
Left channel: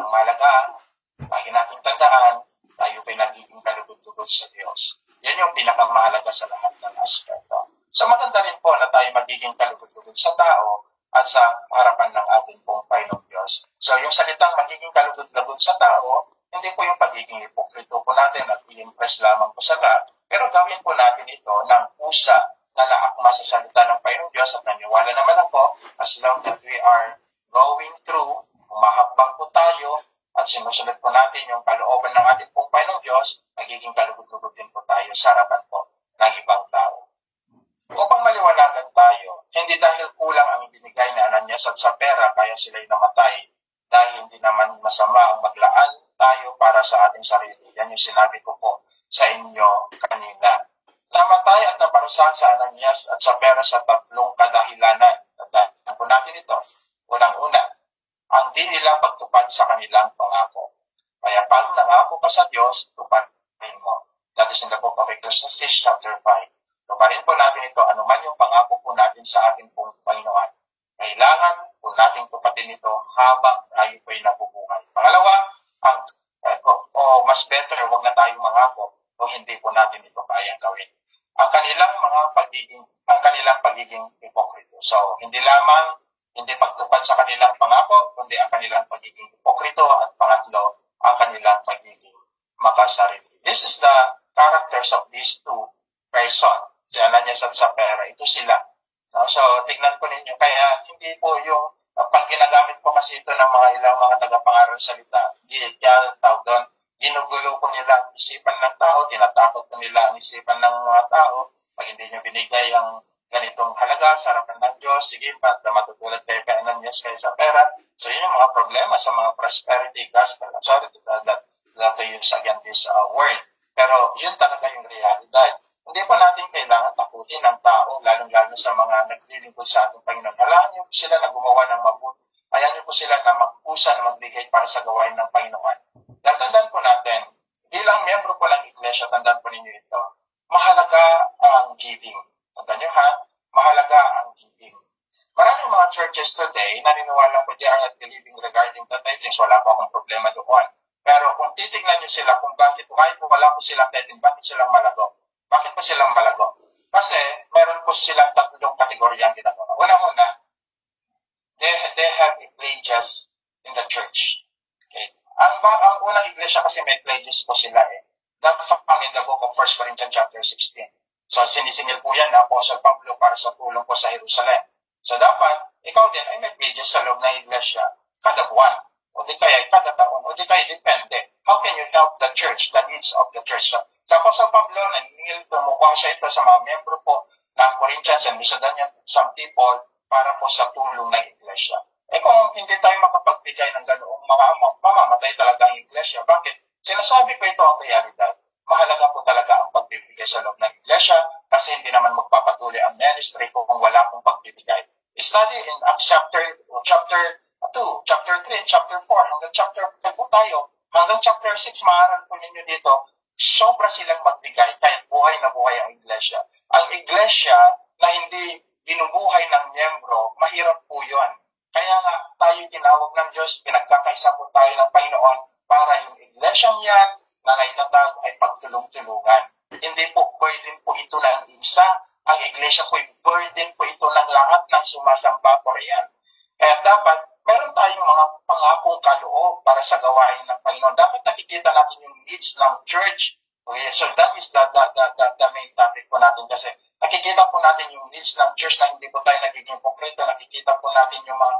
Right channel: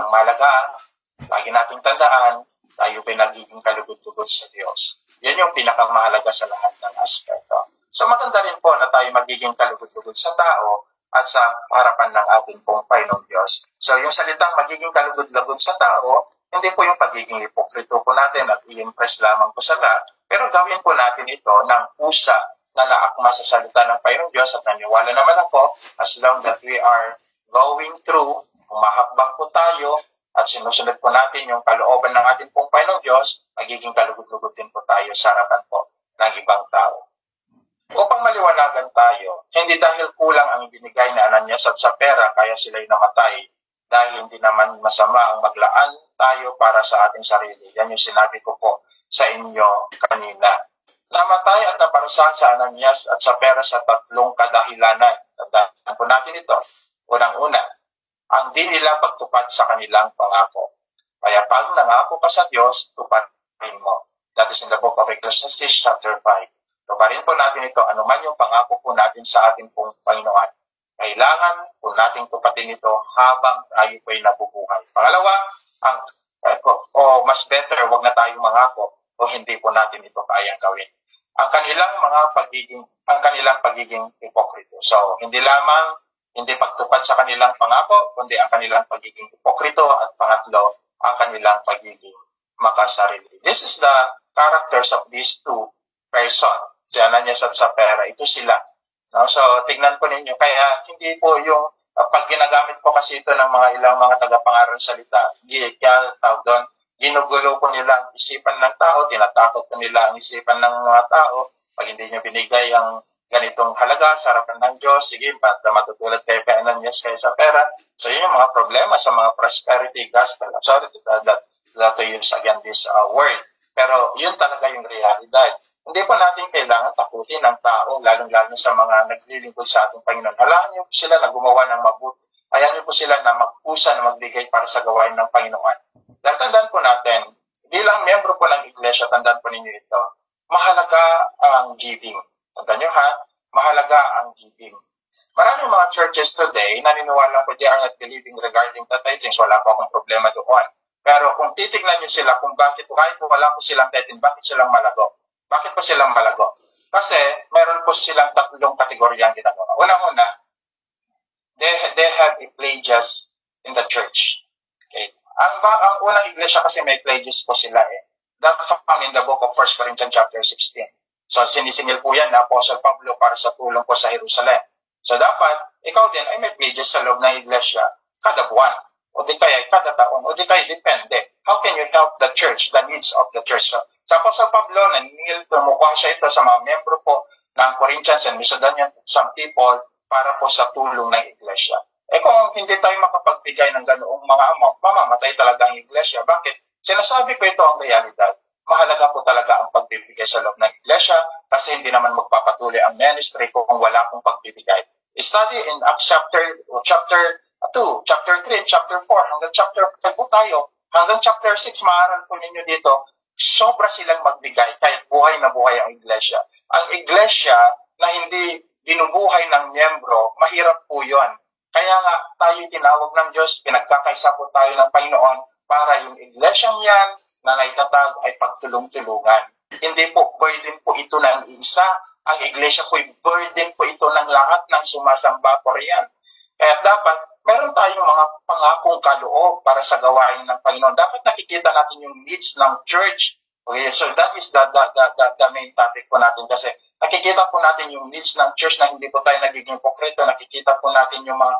Ang mahalaga, lagi nating tandaan, tayo ay nagiging kalugod-lugod sa Diyos. Yan yung pinakamahalaga sa lahat ng aspeto. So maganda rin po na tayo magiging kalugod-lugod sa tao at sa harapan ng ating pong Panginoong Diyos. So yung salitang magiging kalugod-lugod sa tao, hindi po yung pagiging hipokrito po natin at i-impress lamang po sa lahat, pero gawin po natin ito ng pusa na naakma sa salita ng Panginoong Diyos at naniwala naman ako, as long that we are going through, umahakbang po tayo at sinusunod po natin yung kalooban ng ating pong Panginoong Diyos, magiging kalugod-lugod din po tayo sa harapan po ng ibang tao. Upang maliwanagan tayo, hindi dahil kulang ang ibinigay ni Ananias at Sapphira kaya sila'y namatay, dahil hindi naman masama ang maglaan tayo para sa ating sarili. Yan yung sinabi ko po sa inyo kanina. Namatay at naparusahan sa Ananias at Sapphira sa tatlong kadahilanan. Tandaan po natin ito. Unang-una, ang di nila pagtupad sa kanilang pangako. Kaya pag nangako ka sa Diyos, tuparin mo. The is in the book of Ecclesiastes chapter 5. Tuparin po natin ito, anuman yung pangako po natin sa ating pong Panginoon. Kailangan po nating tupatin ito habang tayo po'y nabubuhay. Pangalawa, mas better, wag na tayong mangako o hindi po natin ito kayang gawin. Ang kanilang pagiging hipokrito. So, hindi lamang hindi pagtupad sa kanilang pangako, kundi ang kanilang pagiging hipokrito at pangatlo, ang kanilang pagiging makasarili. This is the characters of these two persons. Si Ananias at Sapphira, ito sila. No? So, tignan po ninyo. Kaya, hindi po yung, pag ginagamit po kasi ito ng mga ilang mga tagapangaral salita, ginugulo po nila ang isipan ng tao, tinatakot po nila ang isipan ng mga tao. Pag hindi nyo binigay ang ganitong halaga sa harapan ng Diyos, sige, ba't matutulad kayo kay Ananias kay Sapphira? So, yun yung mga problema sa mga prosperity gospel. I'm sorry to use again this word. Pero, yun talaga yung realidad. Hindi po natin kailangan takutin ng tao, lalong-lalo sa mga naglilingkod sa ating Panginoon. Halaan niyo po sila na gumawa ng mabuti. Hayaan niyo po sila na magpusa na magbigay para sa gawain ng Panginoon. Dahil tandaan po natin, bilang miyembro po ng iglesia, tandaan po ninyo ito, mahalaga ang giving. Tandaan niyo ha, mahalaga ang giving. Maraming mga churches today, naniniwala po they are not believing regarding the tithings. Wala po akong problema doon. Pero kung titignan niyo sila kung bakit kahit wala po silang tithing, bakit silang malago? Bakit po silang malago? Kasi meron po silang tatlong kategoryang ginagawa. Unang-una, they have a pledges in the church. Okay. Ang unang iglesia kasi may pledges po sila eh. That found in the book of 1 Corinthians chapter 16. So sinisingil po yan na Apostle Pablo para sa tulong po sa Jerusalem. So dapat, ikaw din ay may pledges sa loob ng iglesia kada buwan. O di kaya kada taon, o di kaya depende. How can you help the church, the needs of the church? So, sa Apostle Pablo, tumukuha siya ito sa mga membro po ng Corinthians and Macedonian, some people, para po sa tulong ng iglesia. Kung hindi tayo makapagbigay ng ganoong mga amount, mamamatay talaga ang iglesia. Bakit? Sinasabi ko ito ang realidad. Mahalaga po talaga ang pagbibigay sa loob ng iglesia kasi hindi naman magpapatuloy ang ministry kung wala pong pagbibigay. Study in Acts chapter 2, chapter 3, chapter 4, hanggang chapter 5 po tayo. Hanggang chapter 6, maaral po ninyo dito, sobra silang magbigay kahit buhay na buhay ang iglesia. Ang iglesia na hindi binubuhay ng miyembro, mahirap po yun. Kaya nga tayo tinawag ng Diyos, pinagkakaisa po tayo ng Panginoon para yung iglesyang yan na naitatag ay pagtulong-tulungan. Hindi po burden po ito ng isa. Ang iglesia po burden po ito ng lahat ng sumasamba po riyan. Kaya dapat meron tayong mga pangakong kaloob para sa gawain ng Panginoon. Dapat nakikita natin yung needs ng church. Okay, so that is the main topic po natin kasi nakikita po natin yung needs ng church na hindi po tayo nagiging hipokrito. Nakikita po natin yung mga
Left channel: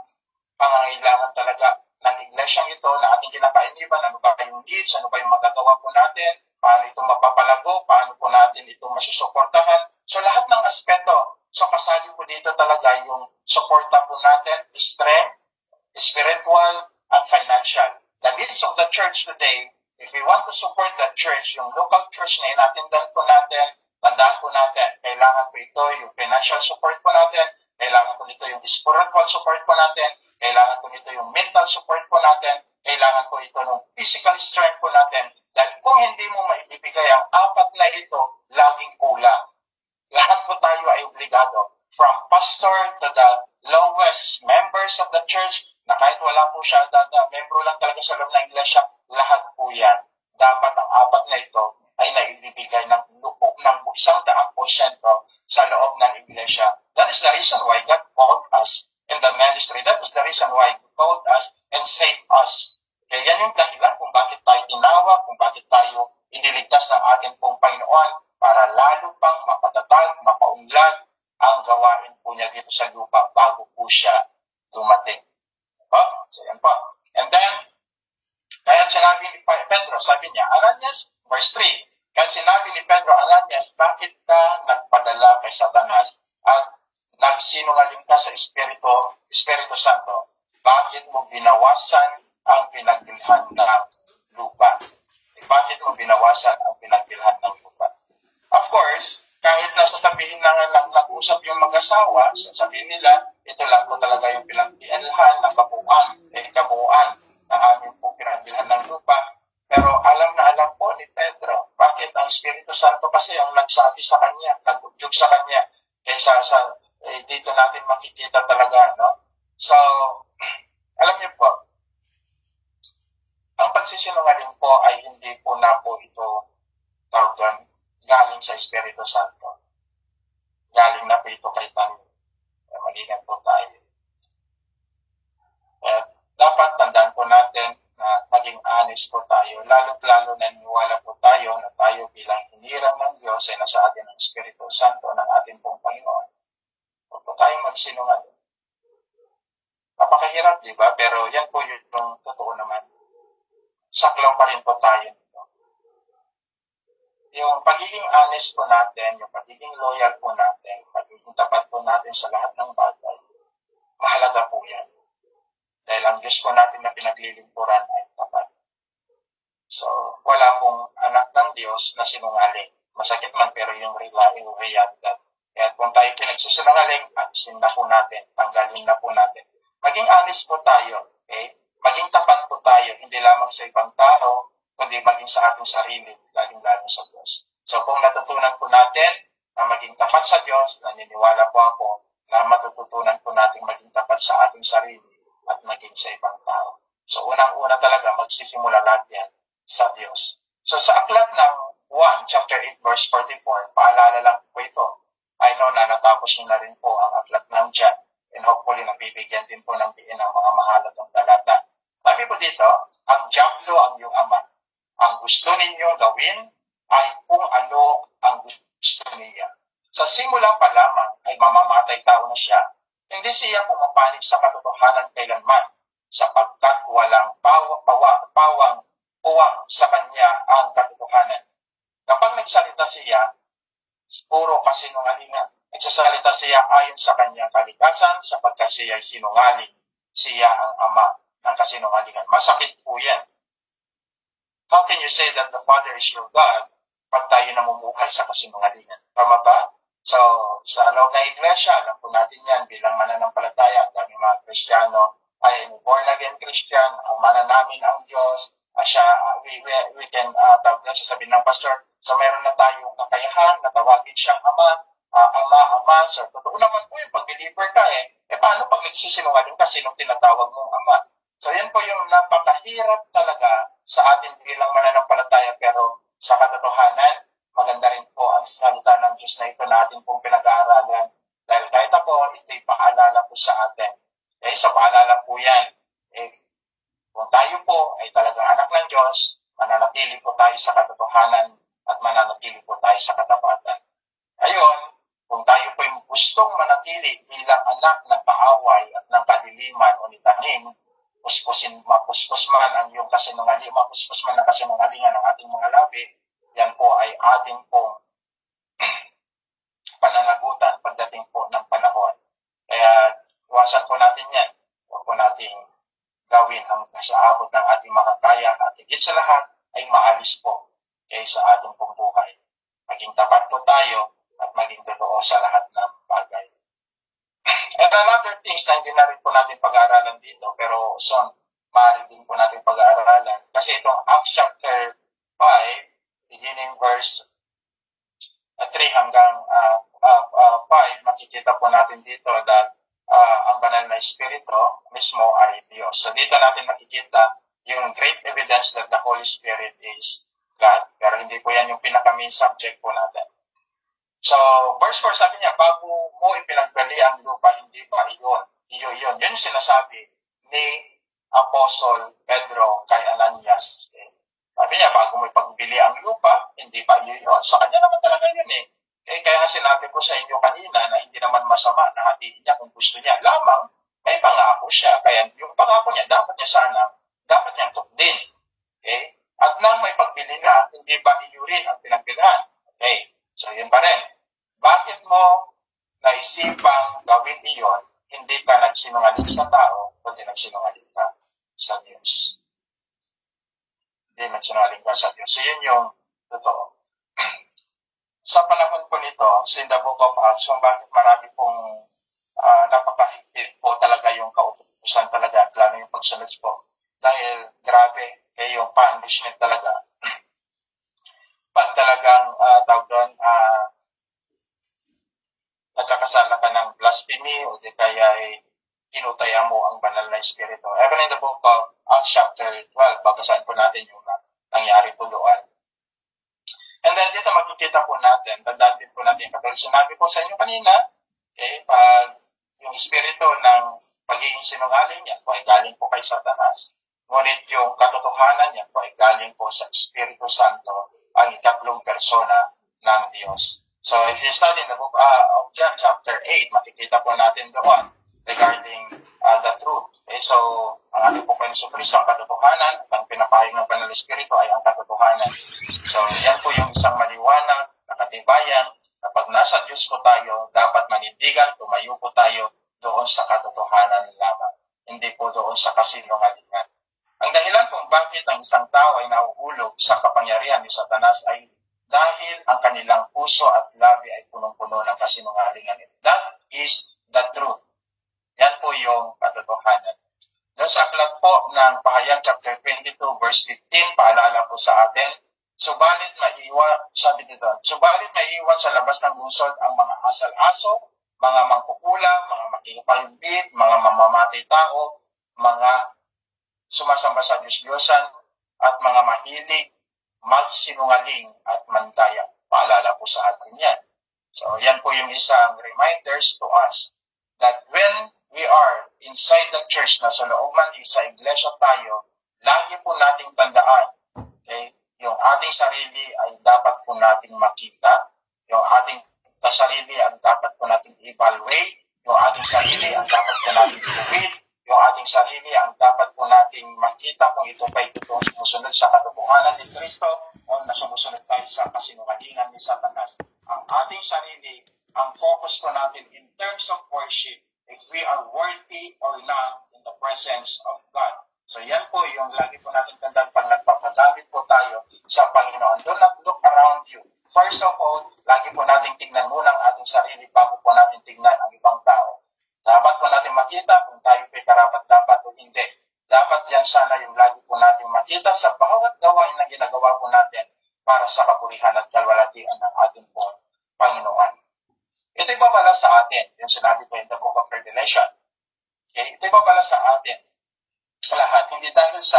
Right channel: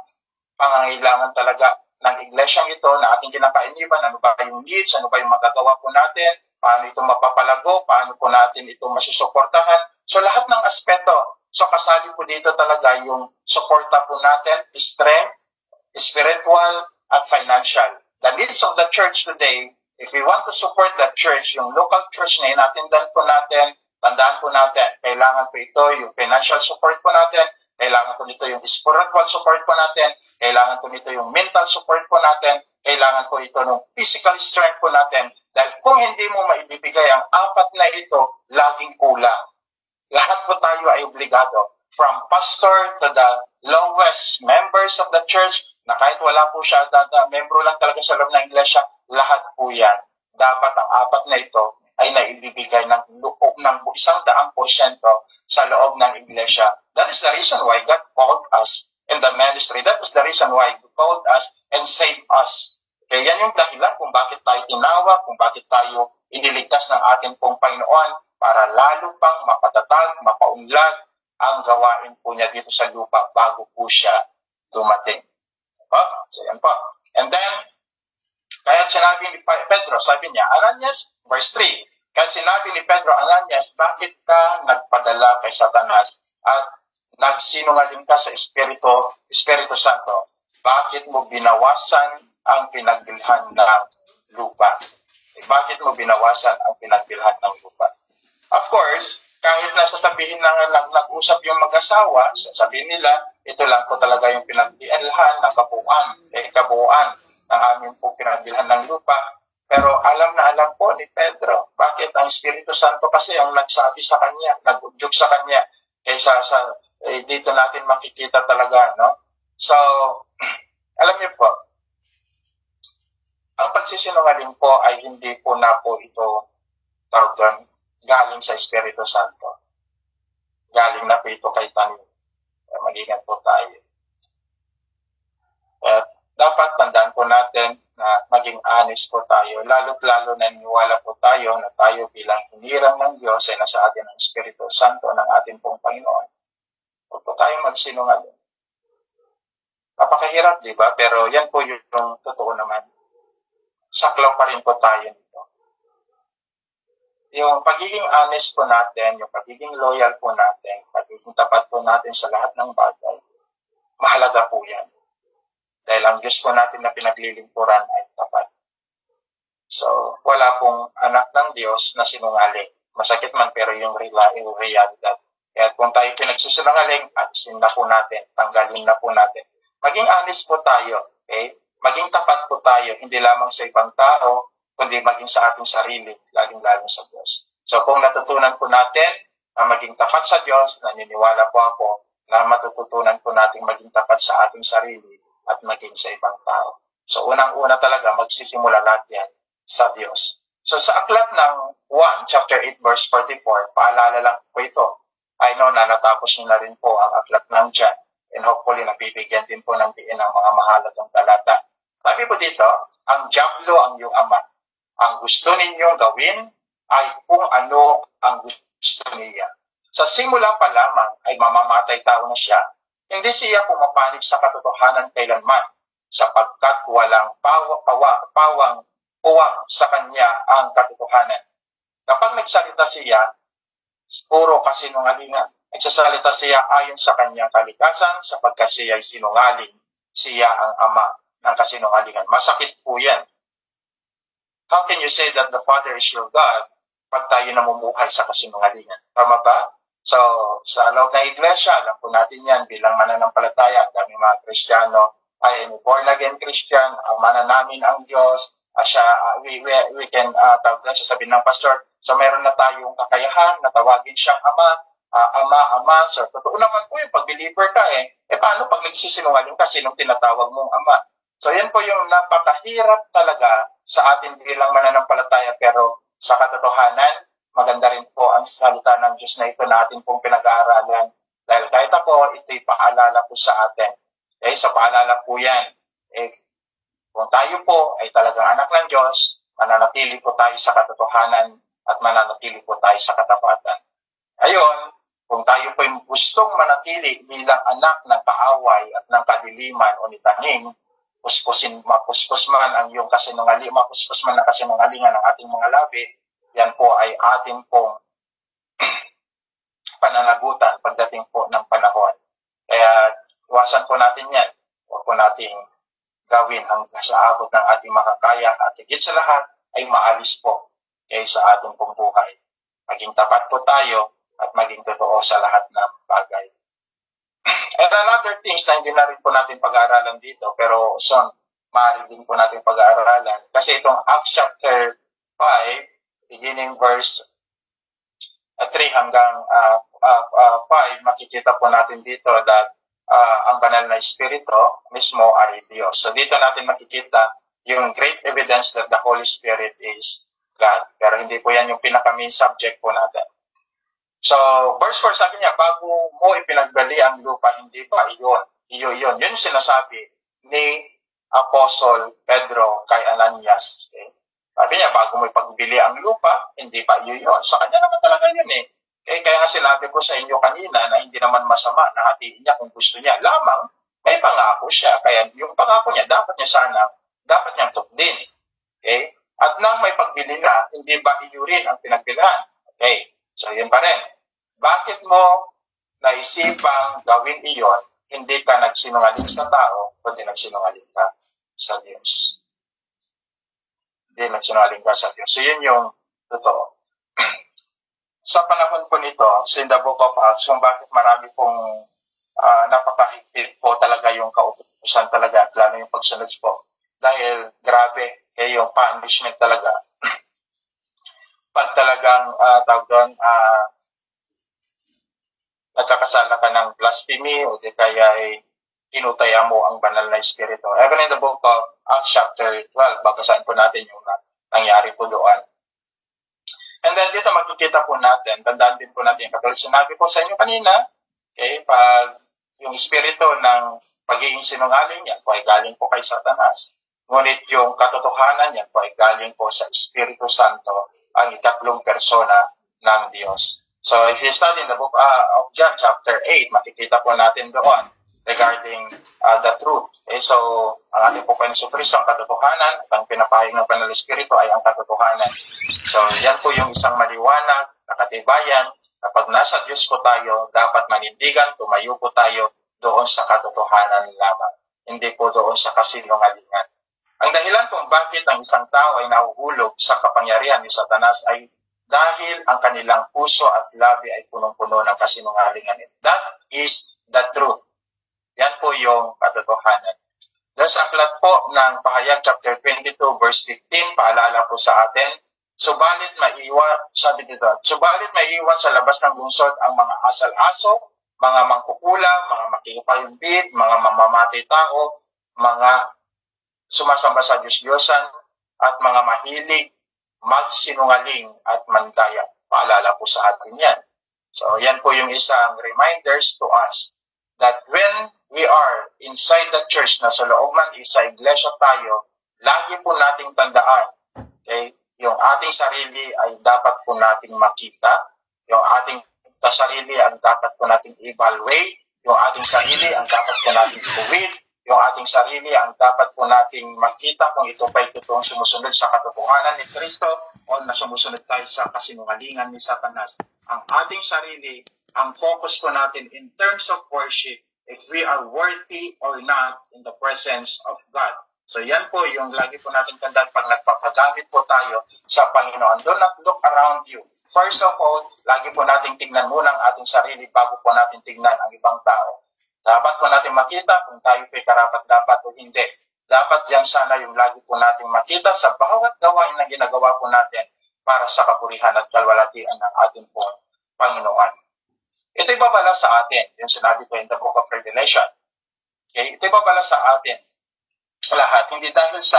pangangailangan talaga ng iglesyang ito na ating kinakainiban. Ano ba yung needs? Ano ba yung magagawa po natin? Paano ito mapapalago? Paano po natin ito masusuportahan? So lahat ng aspeto. So kasali po dito talaga yung suporta po natin, strength, spiritual, at financial. The needs of the church today, if we want to support the church, yung local church na inatindan po natin, tandaan po natin, kailangan po ito yung financial support po natin, kailangan po nito yung spiritual support po natin, kailangan po nito yung mental support po natin, kailangan po ito ng physical strength po natin, dahil kung hindi mo maibibigay ang apat na ito, laging kulang. Lahat po tayo ay obligado, from pastor to the lowest members of the church, na kahit wala po siya, membro lang talaga sa loob ng iglesia, lahat po yan. Dapat ang apat na ito ay naibibigay ng loob ng 100% sa loob ng iglesia. That is the reason why God called us in the ministry. That is the reason why He called us and saved us. Kaya yan yung dahilan kung bakit tayo tinawag, kung bakit tayo iniligtas ng ating pong Panginoon para lalo pang mapatatag, mapaunlad ang gawain po niya dito sa lupa bago po siya dumating. So yan po. And then, kaya sinabi ni Pedro, sabi niya, Ananias, verse 3, kaya sinabi ni Pedro, Ananias, bakit ka nagpadala kay Satanas at nagsinungaling ka sa Espiritu Santo? Bakit mo binawasan ang pinagbilhan ng lupa? Bakit mo binawasan ang pinagbilhan ng lupa? Of course, kahit nasasabihin na nag-usap yung mag-asawa, sasabihin nila, ito lang po talaga yung pinagbilhan ng kabuuan ng aming po pinagbilhan ng lupa. Pero alam na alam po ni Pedro, bakit ang Espiritu Santo kasi ang nagsabi sa kanya, nag-udyok sa kanya, kaysa dito natin makikita talaga, no? So, alam niyo po, ang pagsisinungaling po ay hindi po na po ito galing sa Espiritu Santo. Galing na po ito kay tanim. Mag-ingat po tayo. At dapat tandaan po natin na maging honest po tayo. Lalo't-lalo na niniwala po tayo na tayo bilang hinirang ng Diyos ay nasa atin ang Espiritu Santo ng ating pong Panginoon. Huwag po tayong magsinungaling. Napakahirap, di ba? Pero yan po yung totoo naman. Saklaw pa rin po tayo nito. Yung pagiging honest po natin, yung pagiging loyal po natin, pagiging tapat po natin sa lahat ng bagay, mahalaga po yan. Dahil ang Diyos po natin na pinaglilingkuran ay tapat. So, wala pong anak ng Diyos na sinungaling. Masakit man pero yung realidad. Kaya kung tayo pinagsisinungaling, alisin na po natin, tanggalin na po natin. Maging honest po tayo, okay? Maging tapat po tayo, hindi lamang sa ibang tao, kundi maging sa ating sarili, lalong-lalong sa Diyos. So kung natutunan po natin na maging tapat sa Diyos, naniniwala po ako na matututunan po natin maging tapat sa ating sarili at maging sa ibang tao. So unang-una talaga, magsisimula lahat yan sa Diyos. So sa aklat ng 1, chapter 8, verse 44, paalala lang po ito. I know na natapos niyo na rin po ang aklat ng John. And hopefully, nabibigyan din po ng diin ang mga mahalagang talata. Sabi po dito, ang Diablo ang iyong ama. Ang gusto ninyong gawin ay kung ano ang gusto niya. Sa simula pa lamang ay mamamatay tao na siya. Hindi siya pumapanig sa katotohanan kailanman, sapagkat walang puwang sa kanya ang katotohanan. Kapag nagsalita siya, puro kasinungalingan. Nagsasalita siya ayon sa kanyang kalikasan sapagkat siya ay sinungaling. Siya ang ama ng kasinungalingan. Masakit po yan. How can you say that the Father is your God pag tayo namumuhay sa kasinungalingan? Tama ba? So, sa loob ng iglesia, alam po natin yan bilang mananampalataya. Ang daming mga Kristiyano ay born again Christian. Ang mana namin ang Diyos. We can sabihin ng pastor, so meron na tayong kakayahan na tawagin siyang ama. Ama. So, totoo naman po yung pag-believer ka paano pag nagsisinungaling ka, sinong tinatawag mong ama? So, yan po yung napakahirap talaga sa atin bilang mananampalataya, pero sa katotohanan, maganda rin po ang salita ng Diyos na ito na atin pong pinag-aaralan. Dahil kahit ako, ito'y paalala po sa atin. Sa paalala po yan. Kung tayo po ay talagang anak ng Diyos, mananatili po tayo sa katotohanan at mananatili po tayo sa katapatan. Ayon, kung tayo po yung gustong manatili bilang anak ng kaaway at ng kadiliman o nitaning, mapuspos man ang iyong kasinungalingan, mapuspos man ang kasinungalingan ng ating mga labi, yan po ay ating pong pananagutan pagdating po ng panahon. Kaya iwasan po natin yan. Huwag po nating gawin ang sa abot ng ating makakaya at higit sa lahat ay maalis po sa ating pong buhay. Maging tapat po tayo at maging totoo sa lahat ng bagay. And another things na hindi na rin po natin pag-aaralan dito, pero soon, maaari din po natin pag-aaralan. Kasi itong Acts chapter 5, beginning verse 3 hanggang 5, makikita po natin dito that ang banal na Espiritu mismo ay Diyos. So dito natin makikita yung great evidence that the Holy Spirit is God. Pero hindi po yan yung pinaka-main subject po natin. So, verse 4 sabi niya, bago mo ipinagbali ang lupa, hindi pa iyon. Yun yung sinasabi ni Apostle Pedro kay Ananias. Okay? Sabi niya, bago mo ipagbili ang lupa, hindi pa yun. Sa kanya naman talaga yun Kaya nga sinabi ko sa inyo kanina na hindi naman masama na hatiin niya kung gusto niya. Lamang, may pangako siya. Kaya yung pangako niya, dapat niyang tukdin. Okay? At nang may pagbili na, hindi ba iyurin ang pinagbilhan? Okay? So, yun pa rin. Bakit mo naisipang gawin iyon, hindi ka nagsinungaling sa tao, kundi nagsinungaling ka sa Diyos? Hindi nagsinungaling ka sa Diyos. So, yun yung totoo. Sa panahon po nito, so in the book of Acts, kung bakit marami pong napakahigpit po talaga yung kautusan talaga at lalo yung pagsunod po. Dahil grabe, yung punishment talaga. Pag talagang blasphemy o di kaya ay hinutaya mo ang banal na espiritu. Even in the book of Acts chapter 12, babasahin po natin yung nangyari po doon. And then dito makikita po natin, tandaan din po natin, katulad sinabi ko sa inyo kanina, okay, pag yung espiritu ng pagiging sinungaling, yan po ay galing po kay Satanas. Ngunit yung katotohanan, yan po ay galing po sa Espiritu Santo, ang ikatlong persona ng Diyos. So if you study in the book of John chapter 8, makikita po natin doon regarding the truth. Okay, so ang ating po Panginoon Kristo ang katotohanan at ang pinapahayag ng Banal Espiritu ay ang katotohanan. So yan po yung isang maliwanag na katibayan na pag nasa Diyos po tayo, dapat manindigan, tumayo po tayo doon sa katotohanan lamang, hindi po doon sa kasinungalingan. Ang dahilan kung bakit ang isang tao ay nahuhulog sa kapangyarihan ni Satanas ay dahil ang kanilang puso at labi ay punong-puno ng kasinungalingan. That is the truth. Yan po yung katotohanan. Doon sa aklat po ng Pahayag chapter 22 verse 15, paalala po sa atin, subalit maiwan sa labas ng lungsod ang mga asal-aso, mga mangkukulam, mga makikipayumbid, mga mamamatay tao, mga sumasamba sa Diyos-Diyosan, at mga mahilig, magsinungaling at mandaya. Paalala po sa atin yan. So yan po yung isang reminders to us that when we are inside the church, na sa loob man, sa iglesia tayo, lagi po nating tandaan, okay, yung ating sarili ay dapat po nating makita, yung ating sarili ang dapat po nating evaluate, yung ating sarili ang dapat po nating tuwid, yung ating sarili ang dapat po nating makita kung ito pa totoong sumusunod sa katotohanan ni Kristo o na sumusunod tayo sa kasinungalingan ni Satanas. Ang ating sarili, ang focus po natin in terms of worship, if we are worthy or not in the presence of God. So yan po yung lagi po natin tandaan pag nagpapagamit po tayo sa Panginoon. Do not look around you. First of all, lagi po natin tingnan muna ang ating sarili bago po natin tingnan ang ibang tao. Dapat po natin makita kung tayo po'y karapat-dapat o hindi. Dapat yan sana yung lagi po natin makita sa bawat gawain na ginagawa po natin para sa kapurihan at kalwalatian ng ating pong Panginoon. Ito'y babala sa atin, yung sinabi ko in the book of Revelation. Okay? Ito'y babala sa atin lahat, hindi dahil sa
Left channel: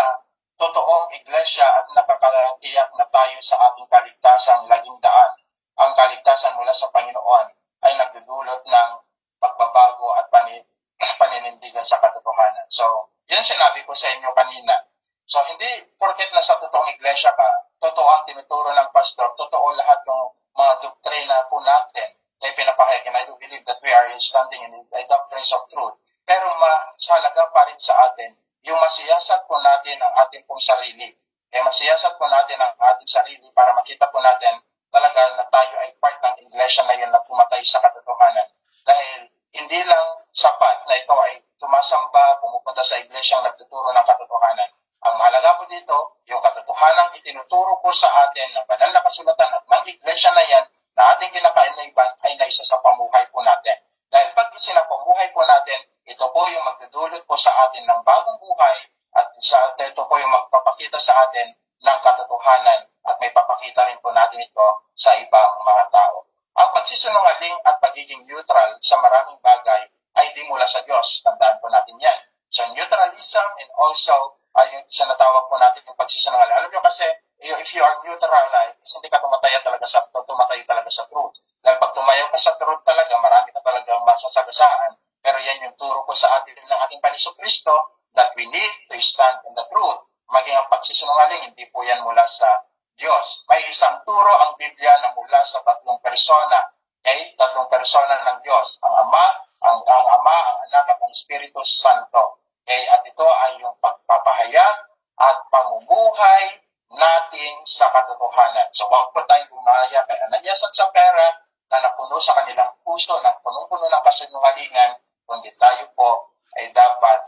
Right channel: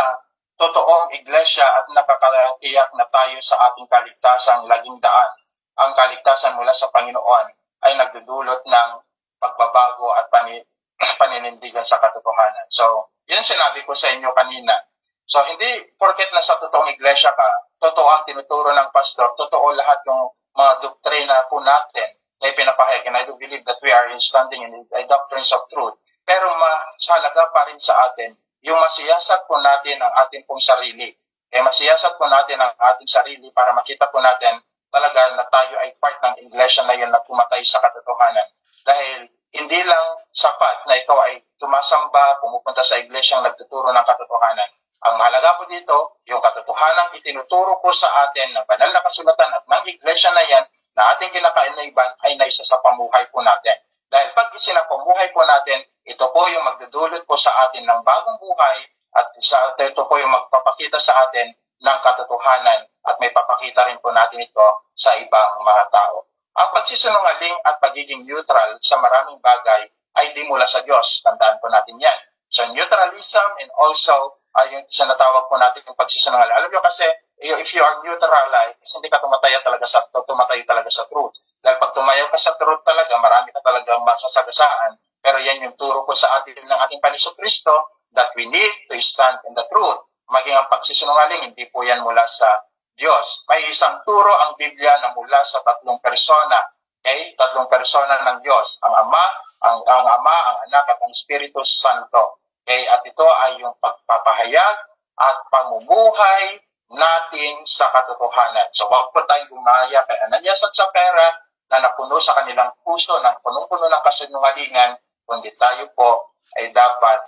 totoong iglesia at nakakatiyak na tayo sa ating kaligtasang laging daan. Ang kaligtasan mula sa Panginoon ay nagdudulot ng pagbabago at paninindigan sa katotohanan. So, yun sinabi ko sa inyo kanina. So, hindi porket na sa totoong iglesia ka, totoo ang tinuturo ng pastor, totoo lahat ng mga doktrina po natin na ipinapahayag. And I do believe that we are standing in the doctrines of truth. Pero mahalaga pa rin sa atin yung masiyasat po natin ang ating pong sarili. Kaya masiyasat po natin ang ating sarili para makita po natin talaga na tayo ay part ng iglesia na yun na pumatay sa katotohanan. Dahil hindi lang sapat na ito ay tumasamba, pumupunta sa iglesyang nagtuturo ng katotohanan. Ang mahalaga po dito, yung katotohanan itinuturo po sa atin ng banal na kasulatan at ng iglesia na yan na ating kinakainaiban ay naisa sa pamuhay po natin. Dahil pag isinapamuhay po natin, ito po yung magdudulot po sa atin ng bagong buhay at ito po yung magpapakita sa atin ng katotohanan at may papakita rin po natin ito sa ibang mga tao. Ang pagsisinungaling at pagiging neutral sa maraming bagay ay di mula sa Diyos. Tandaan po natin yan. So neutralism and also yung sinatawag po natin yung pagsisinungaling. Alam nyo kasi, if you are neutralized, hindi ka tumataya talaga sa truth. Dahil pag tumayo ka sa truth talaga, marami ka talagang masasagasaan. Pero yan yung turo ko sa atin ng ating Panginoon Kristo that we need to stand in the truth. Maging ang pagsisinungaling, hindi po yan mula sa Diyos. May isang turo ang Biblia na mula sa tatlong persona. Okay? Tatlong persona ng Diyos. Ang Ama, ang Anak at ang Espiritu Santo. Okay? At ito ay yung pagpapahayag at pamumuhay natin sa katotohanan. So, wag po tayong gumaya kay Ananias at Sapphira na napuno sa kanilang puso ng punong-puno ng kasinungalingan, kundi tayo po ay dapat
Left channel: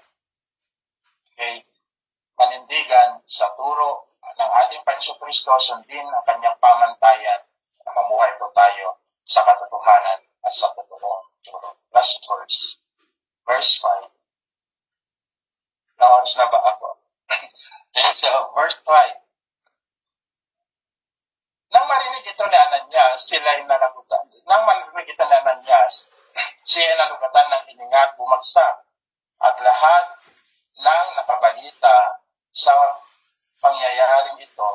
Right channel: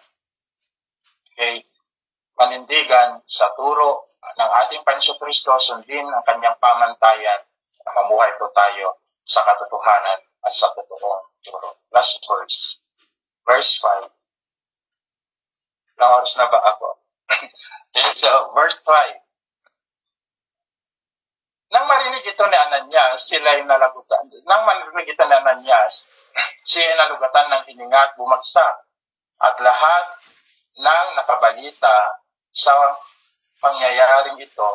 panindigan sa turo ng ating Panginoon Kristo, sundin ang kanyang pamantayan na mamuhay po tayo sa katotohanan at sa totoong turo. Last verse. Verse 5. Ilang oras na ba ako? Okay, so verse 5. Nang marinig ito ni Ananias, sila'y nalagutan. Nang marinig ito ni Ananias, siya ay nalugatan ng hininga at bumagsak, at lahat ng nakabalita sa pangyayaring ito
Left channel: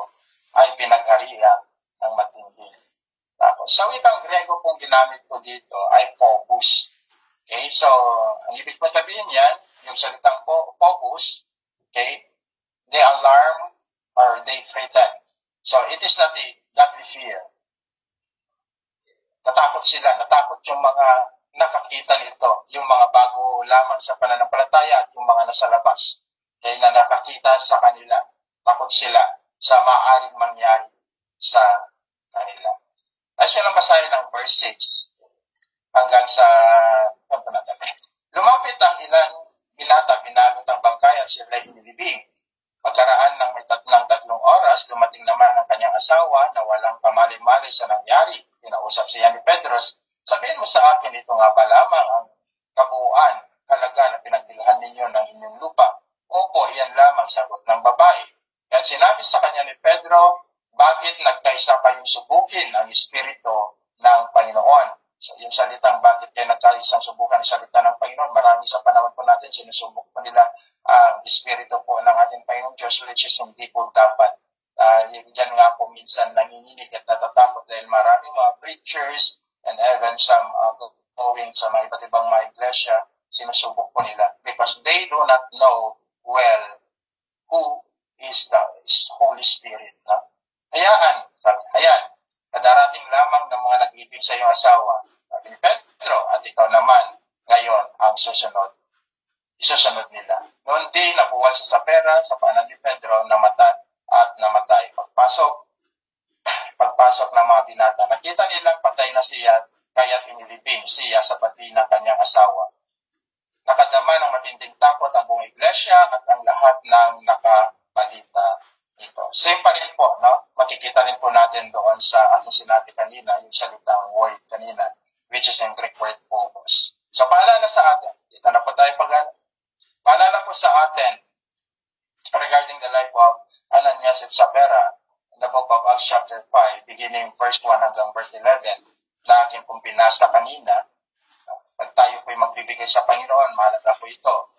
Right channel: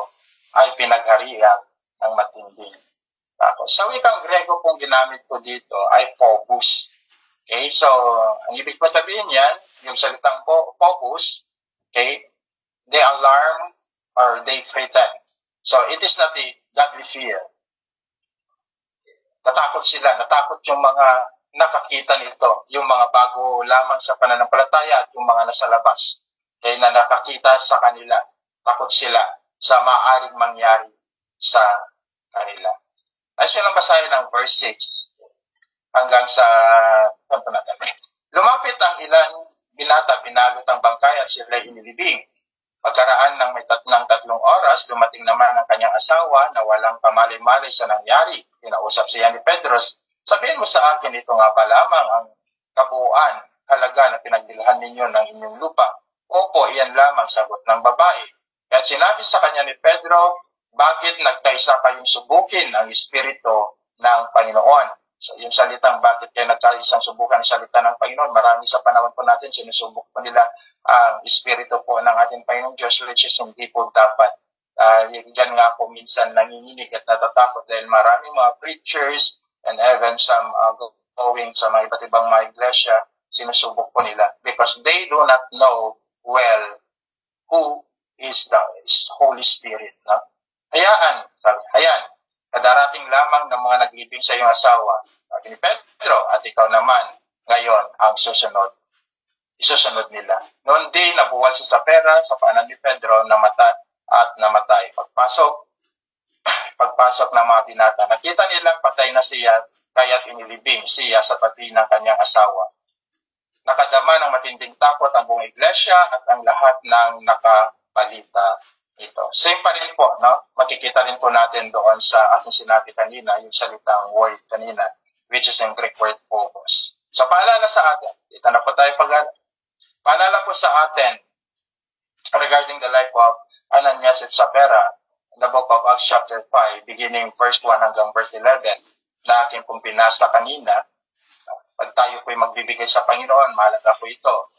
ay pinagharian ng matindi. Tapos, sa wikang Grego pong ginamit ko dito ay phobos. Okay, so, ang ibig ko sabihin yan, yung salitang phobos, okay, they alarm or they threaten. So, it is not a godly fear. Natakot sila, natakot yung mga nakakita nito, yung mga bago lamang sa pananampalataya at yung mga nasa labas. Okay, na nakakita sa kanila, takot sila sa maaaring mangyari sa kanila. Ay siya lang basahin ng verse 6 hanggang sa lumapit ang ilang binata, binalot ang bangkay at sila'y inilibing. Pagkaraan ng may tatlong oras, dumating naman ang kanyang asawa na walang kamalay-malay sa nangyari. Kinausap siya ni Pedro, sabihin mo sa akin, ito nga ba lamang ang kabuuan, halaga na pinagbilhan ninyo ng inyong lupa? Opo, iyan lamang, sagot ng babae. Kaya sinabi sa kanya ni Pedro, bakit nagkaisa kayong subukin ang Espiritu ng Panginoon? So, yung salitang bakit kayo nagkaisang subukan ang salita ng Panginoon, marami sa panahon po natin, sinusubok po nila ang Espiritu po ng ating Panginoong Diyos, which is hindi po dapat. Diyan nga po minsan nanginginig at natatakot dahil marami mga preachers and even some going sa mga iba't ibang mga iglesia, sinusubok po nila because they do not know well who is the Holy Spirit. No? Hayaan, kadarating lamang ng mga naglibing sa iyong asawa, sabi ni Pedro, at ikaw naman ngayon ang isusunod nila. Noon din, nabuwal siya sa pera, sa paanan ni Pedro, namatay. Pagpasok ng mga binata, nakita nilang patay na siya, kaya't inilibing siya sa tabi ng kanyang asawa. Nakadama ng matinding takot ang buong iglesia at ang lahat ng nakabalita ito. Same pa rin po, no? Makikita rin po natin doon sa ating sinabi kanina, yung salitang word kanina, which is in Greek word phobos. So, paalala sa atin, dito na po tayo paalala po sa atin regarding the life of Ananias at Sapphira, in the book of Acts chapter 5, beginning verse 1 hanggang verse 11, na aking pong pinasa kanina. Pag tayo po'y magbibigay sa Panginoon, mahalaga po ito.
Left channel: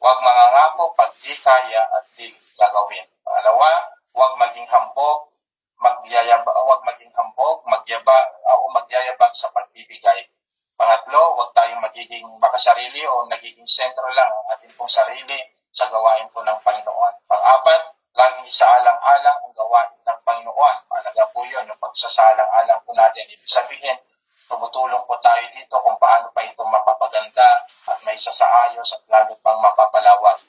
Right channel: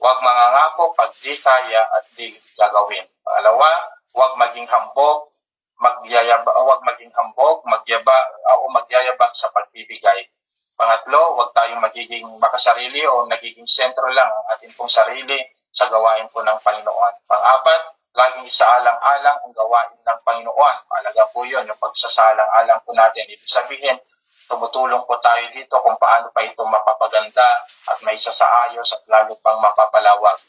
Huwag mangangako pag di kaya at di gagawin. Pangalawa, huwag maging hambog, magyayabang sa pagbibigay. Pangatlo, huwag tayong magiging makasarili o nagiging sentro lang ang ating pong sarili sa gawain po ng Panginoon. Pang-apat, laging isaalang-alang ang gawain ng Panginoon. Mahalaga po yun, yung pagsasalang-alang po natin. Ibig sabihin, tumutulong po tayo dito kung paano pa ito mapapaganda at may sasaayos at lalo pang mapapalawak.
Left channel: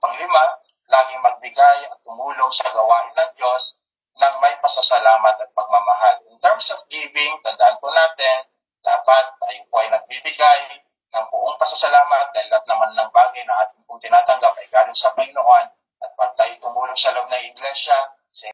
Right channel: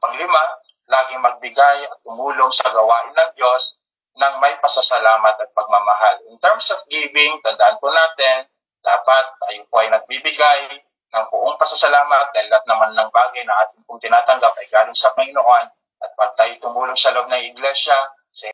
Panglima, laging magbigay at tumulong sa gawain ng Diyos ng may pasasalamat at pagmamahal. In terms of giving, tandaan po natin, dapat tayo po ay nagbibigay ng buong pasasalamat dahil lahat naman ng bagay na ating pong tinatanggap ay galing sa Panginoon. At pag tayo tumulong sa loob ng iglesia,